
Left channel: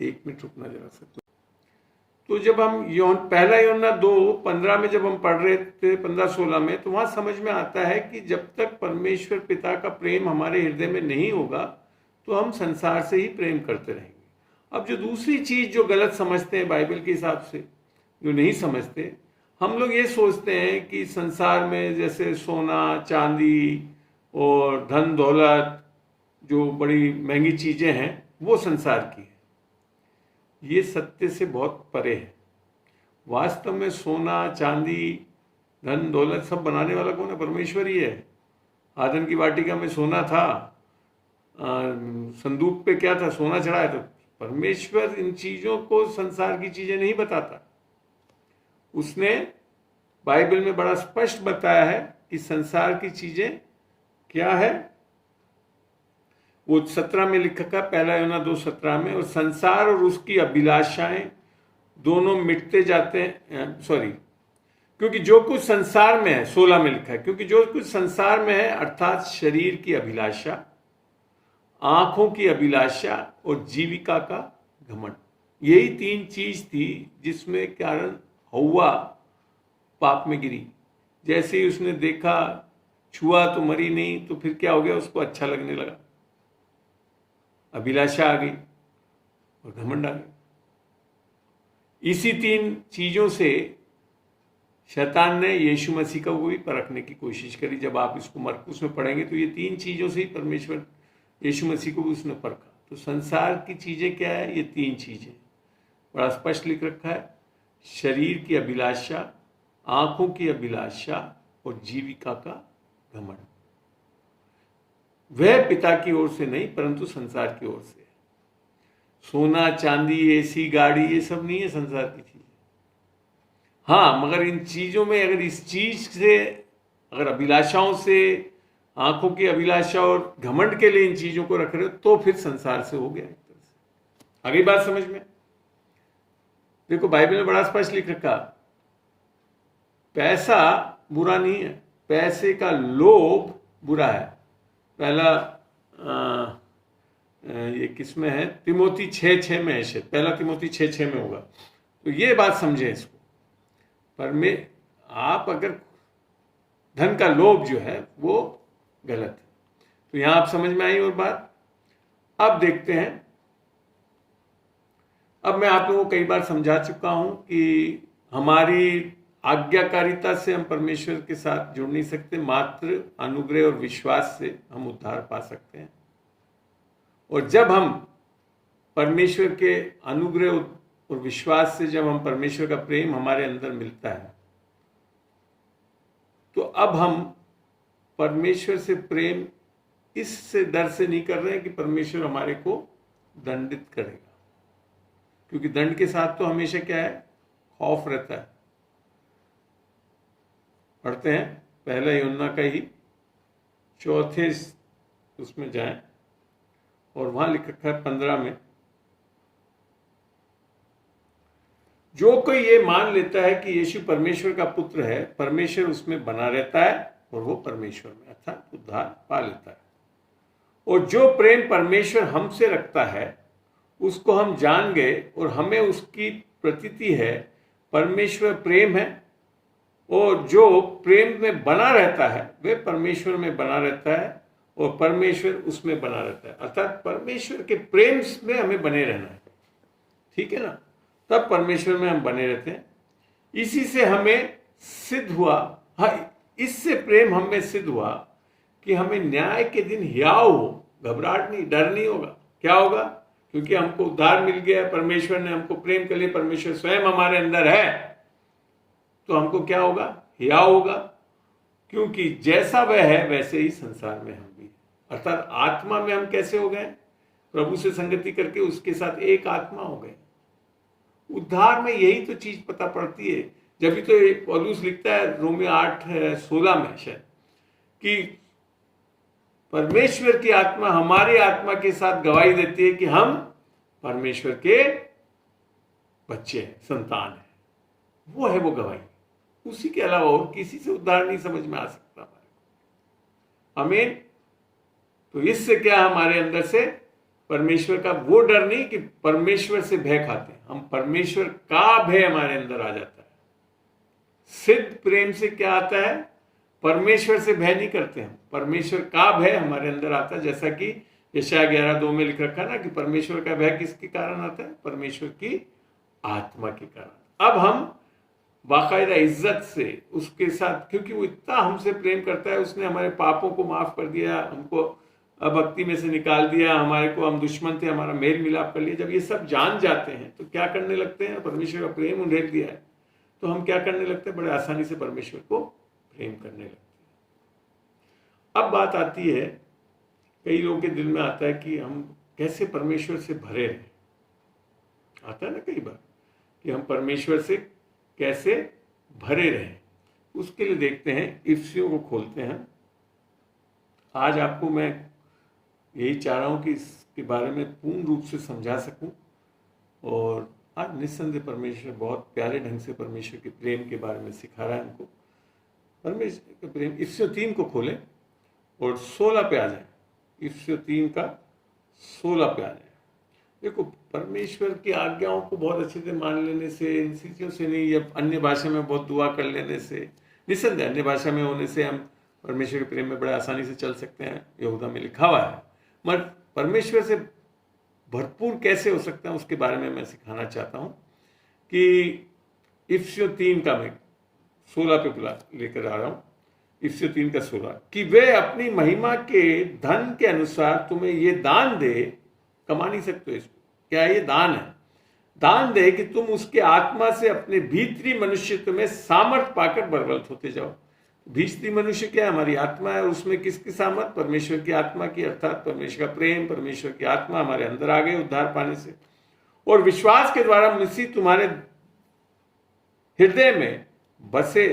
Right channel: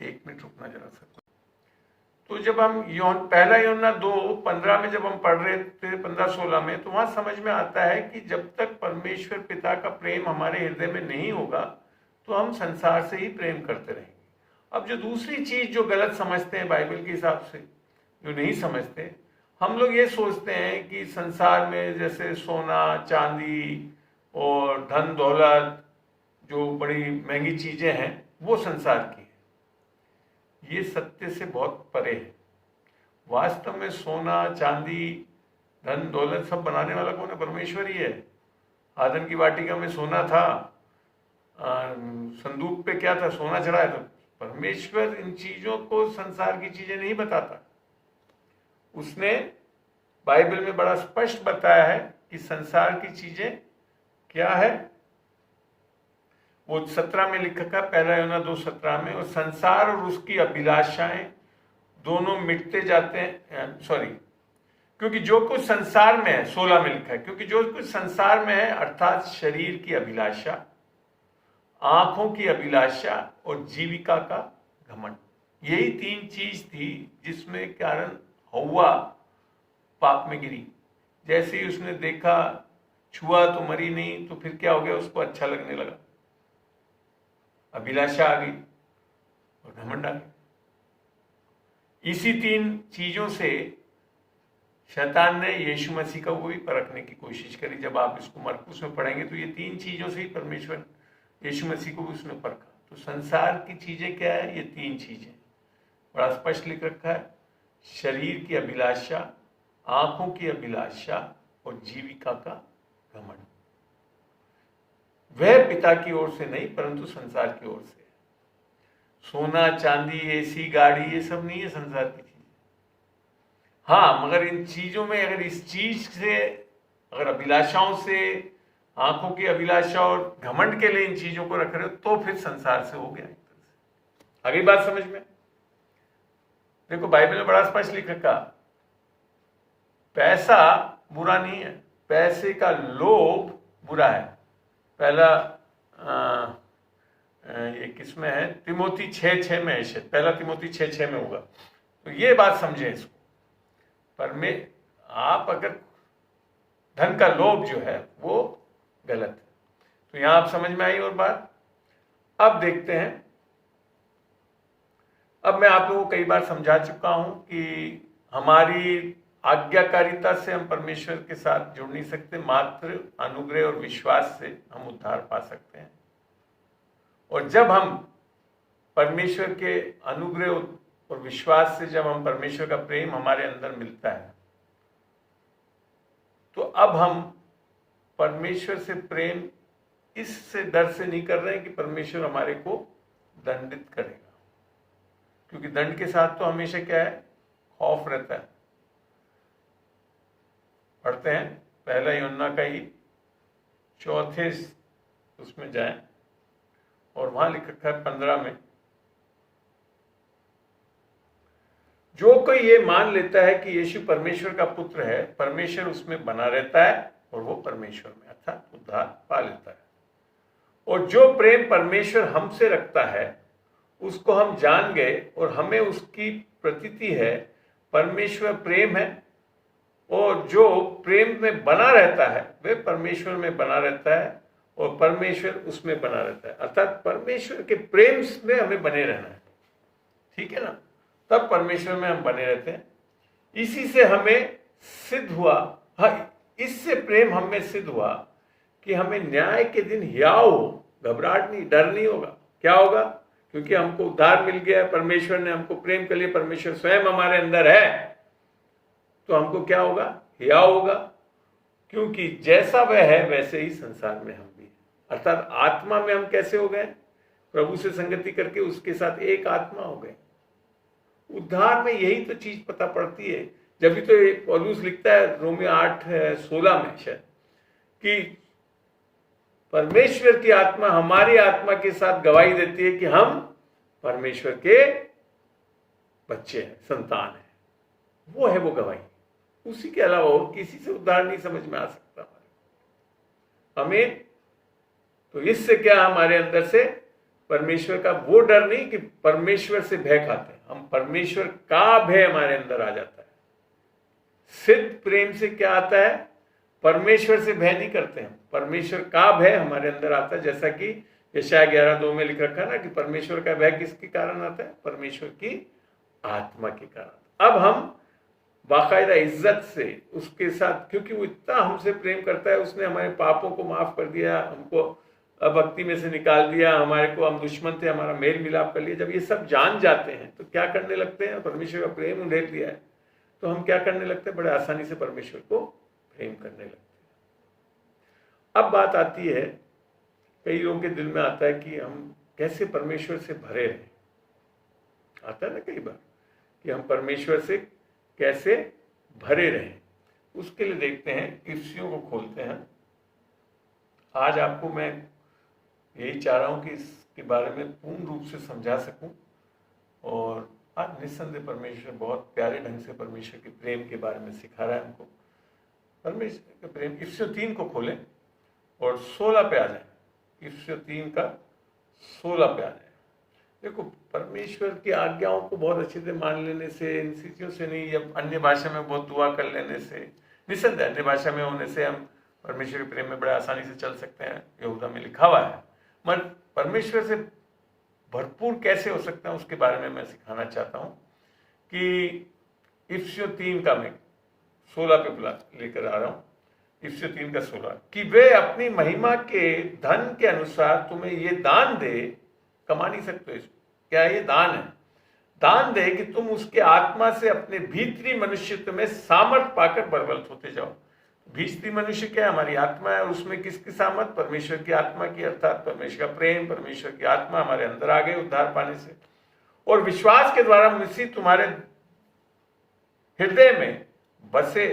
1 मिनट रुकना जरा सा। तो जब हम पहला यूहन्ना 2:15 में जब हम पढ़ रहे थे, 15-16 में, तो वहां समझ में आता है कि जब तक परमेश्वर पिता का प्रेम हमारे हृदय में नहीं होगा तो हम संसार से ही प्रेम करते रहेंगे। अब जो दूसरी चीज जो गलत समझते हैं बाइबल के हिसाब से, जो नहीं समझते, हम लोग ये सोचते हैं कि संसार में जैसे सोना चांदी और धन दौलत जो बड़ी महंगी चीजें हैं वो संसार की है। ये सत्य से बहुत परे है। वास्तव में सोना चांदी धन दौलत सब बनाने वाला कौन है? परमेश्वर ही है। आदम की वाटिका में सोना था, संदूक पे क्या था? सोना चढ़ाया था। परमेश्वर इन चीजों को संसार की चीजें नहीं बताता। उसने बाइबल में बड़ा स्पष्ट बताया है कि संसार की चीजें क्या है। वो 17 में लिखा था, पहला यूहन्ना 2:17 में, और संसार और उसकी अभिलाषाएं दोनों मिटते जाते हैं। क्योंकि जो कुछ संसार में है, 16 में लिखा है, क्योंकि जो कुछ संसार में है अर्थात शरीर की अभिलाषा, आंखों की अभिलाषा और जीविका का घमंड, यही 3 चीज थी जिसमें कारण हव्वा पाप में गिरी। जैसे ही उसने देखा छुआ तो मरी नहीं, तो फिर क्या हो गया, उसको अच्छा लगने लगा, अभिलाषा आ गई और घमंड आ गया। इसी 3 चीजों से शैतान ने यीशु मसीह को भी परखने की कोशिश करी। जब आप इसको मरकुस में पढ़ेंगे तो ये 3 चीजों से ही परमेश्वर यीशु मसीह को भी उसने परखा। तो संसार की चीजें क्या है, ये 3 चीजें बड़ा स्पष्ट लिख रखा है, शरीर की अभिलाषा, आंखों की अभिलाषा और जीविका का घमंड। वह पिता की ओर से नहीं परंतु संसार की ओर से। सोना चांदी एसी गाड़ी ये सब नहीं है संसार की चीज। हाँ, मगर इन चीजों में अगर इस चीज से, अगर अभिलाषाओं से, आंखों की अभिलाषा और घमंड के लिए इन चीजों को रख रहे हो तो फिर संसार से हो गया। आगे बात समझ में देखो, बाइबल में बड़ा स्पष्ट लिख रखा, पैसा बुरा नहीं है, पैसे का लोभ बुरा है। पहला ये किसमें है, तिमोथी 6:6 में है शायद, पहला तिमोथी 6:6 में होगा। तो ये बात समझे इसको, पर में आप अगर धन का लोभ जो है वो गलत है। तो यहां आप समझ में आई और बात। अब देखते हैं, अब मैं आप लोगों को कई बार समझा चुका हूं कि हमारी आज्ञाकारिता से हम परमेश्वर के साथ जुड़ नहीं सकते, मात्र अनुग्रह और विश्वास से हम उद्धार पा सकते हैं। और जब हम परमेश्वर के अनुग्रह और विश्वास से, जब हम परमेश्वर का प्रेम हमारे अंदर मिलता है, तो अब हम परमेश्वर से प्रेम इससे डर से नहीं कर रहे हैं कि परमेश्वर हमारे को दंडित करेगा, क्योंकि दंड के साथ तो हमेशा क्या है, खौफ रहता है। पढ़ते हैं पहला यूहन्ना का ही 4 उसमें जाएं और वहां लिख रखा है 15 में, जो कोई ये मान लेता है कि यीशु परमेश्वर का पुत्र है, परमेश्वर उसमें बना रहता है और वो परमेश्वर में, अर्थात उद्धार पा लेता है। और जो प्रेम परमेश्वर हमसे रखता है उसको हम जान गए और हमें उसकी प्रतीति है। परमेश्वर प्रेम है और जो प्रेम में बना रहता है वह परमेश्वर में बना रहता है और परमेश्वर उसमें बना रहता है। अर्थात परमेश्वर के प्रेम में हमें बने रहना है, ठीक है ना, तब परमेश्वर में हम बने रहते हैं। इसी से हमें सिद्ध हुआ, हाँ, इससे प्रेम हमें सिद्ध हुआ कि हमें न्याय के दिन हियाव हो, घबराहट नहीं, डर नहीं होगा। क्या होगा, क्योंकि हमको उद्धार मिल गया है, परमेश्वर ने हमको प्रेम कर लिया, परमेश्वर स्वयं हमारे अंदर है, तो हमको क्या होगा, हियाव होगा, क्योंकि जैसा वह है वैसे ही संसार में हम भी। अर्थात आत्मा में हम कैसे हो गए, प्रभु से संगति करके उसके साथ एक आत्मा हो गए। उद्धार में यही तो चीज पता पड़ती है। जब भी तो पौलुस लिखता है रोमियो 8:16 में शायद, कि परमेश्वर की आत्मा हमारी आत्मा के साथ गवाही देती है कि हम परमेश्वर के बच्चे हैं, संतान हैं। वो है वो गवाही, उसी के अलावा और किसी से उद्धार नहीं समझ में आ सकता। आमीन। तो इससे क्या हमारे अंदर से परमेश्वर का वो डर नहीं कि परमेश्वर से भय खाते हैं, हम परमेश्वर का भय हमारे अंदर आ जाता है। सिद्ध प्रेम से क्या आता है, परमेश्वर से भय नहीं करते हम, परमेश्वर का भय हमारे अंदर आता है। जैसा कि यशायाह 11:2 में लिख रखा ना कि परमेश्वर का भय किसके कारण आता है, परमेश्वर की आत्मा के कारण। अब हम बाकायदा इज्जत से उसके साथ, क्योंकि वो इतना हमसे प्रेम करता है, उसने हमारे पापों को माफ कर दिया, हमको भक्ति में से निकाल दिया, हमारे को, हम दुश्मन थे, हमारा मेल मिलाप कर लिया। जब ये सब जान जाते हैं तो क्या करने लगते हैं, परमेश्वर का प्रेम उंडेल दिया है तो हम क्या करने लगते हैं, बड़े आसानी से परमेश्वर को प्रेम करने लगते हैं। अब बात आती है, कई लोगों के दिल में आता है कि हम कैसे परमेश्वर से भरे रहें। आता है ना कई बार कि हम परमेश्वर से कैसे भरे रहें। उसके लिए देखते हैं, इफ्सियों को खोलते हैं। आज आपको मैं यही चाह रहा हूं कि इसके बारे में पूर्ण रूप से समझा सकूं। और आज निस्संदेह परमेश्वर बहुत प्यारे ढंग से परमेश्वर के प्रेम के बारे में सिखा रहा है हमको। परमेश्वर का प्रेम, इफ्सियों 3 को खोलें और 16 पे आ जाए। इफ्सियों 3 का 16 पे आ जाए। देखो, परमेश्वर की आज्ञाओं को बहुत अच्छे से मान लेने से, इन चीजों से नहीं, या अन्य भाषा में बहुत दुआ कर लेने से, निस्संदेह अन्य भाषा में होने से हम परमेश्वर के प्रेम में बड़े आसानी से चल सकते हैं, यहूदा में लिखा हुआ है। मगर परमेश्वर से भरपूर कैसे हो सकता है उसके बारे में मैं सिखाना चाहता हूं कि इफिसियों 3 का मैं 16 पे बुला लेकर आ रहा हूं। इफिसियों 3 का 16 कि वे अपनी महिमा के धन के अनुसार तुम्हें ये दान दे, कमा नहीं सकते इसको, क्या ये दान है, दान दे कि तुम उसके आत्मा से अपने भीतरी मनुष्यत्व में सामर्थ पाकर बलवन्त होते जाओ। भीतरी मनुष्य क्या है? हमारी आत्मा है, और उसमें किसकी सामर्थ? परमेश्वर की आत्मा की, अर्थात परमेश्वर का प्रेम, परमेश्वर की आत्मा हमारे अंदर आ गई उद्धार पाने से, और विश्वास के द्वारा मसीह तुम्हारे हृदय में बसे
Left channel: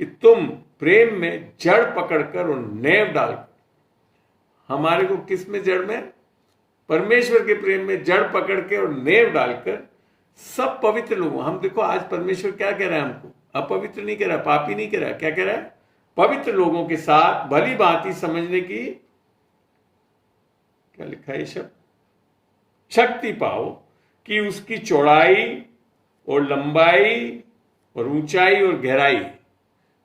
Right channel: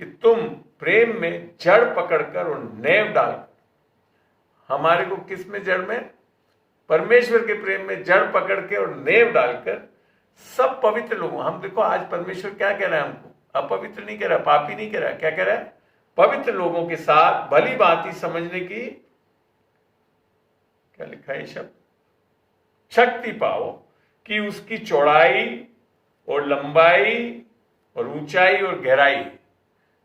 कि तुम प्रेम में जड़ पकड़कर और नेव डालकर, हमारे को किस में जड़ में? परमेश्वर के प्रेम में जड़ पकड़ के और नेव डालकर सब पवित्र लोगों, हम देखो आज परमेश्वर क्या कह रहा है हमको, अपवित्र नहीं कह रहा, पापी नहीं कह रहा, क्या कह रहा है? पवित्र लोगों के साथ भली भांति समझने की, क्या लिखा है शब्द, शक्ति पाओ कि उसकी चौड़ाई और लंबाई और ऊंचाई और गहराई,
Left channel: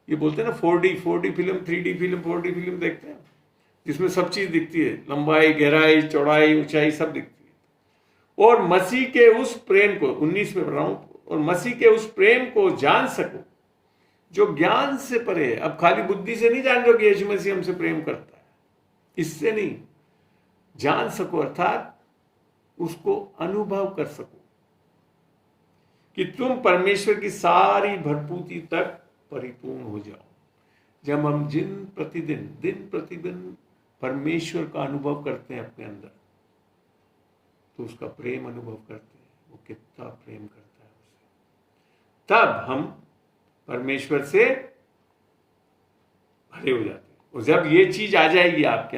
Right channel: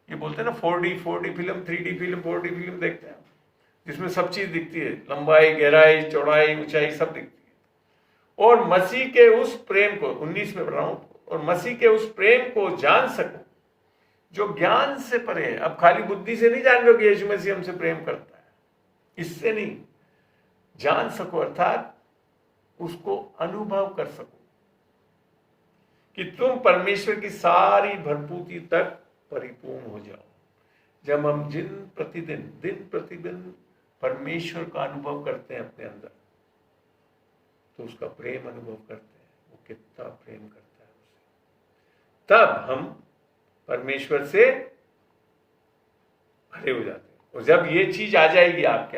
ये बोलते हैं ना 4D film, 3D film, 4D film देखते हैं जिसमें सब चीज दिखती है, लंबाई, गहराई, चौड़ाई, ऊंचाई सब दिखती है, और मसीह के उस प्रेम को, 19 में पढ़ रहा हूं, और मसीह के उस प्रेम को जान सको जो ज्ञान से परे है। अब खाली बुद्धि से नहीं जान रहे हो कि यीशु मसीह हमसे प्रेम करता है, इससे नहीं, जान सको अर्थात उसको अनुभव कर सको कि तुम परमेश्वर की सारी भरपूरी तक परिपूर्ण हो जाओ। जब हम दिन प्रतिदिन परमेश्वर का अनुभव करते हैं अपने अंदर, तो उसका प्रेम अनुभव करते हैं, वो कितना प्रेम करता है उसे, तब हम परमेश्वर से भरे हो जाते हैं। और जब ये चीज आ जाएगी आपके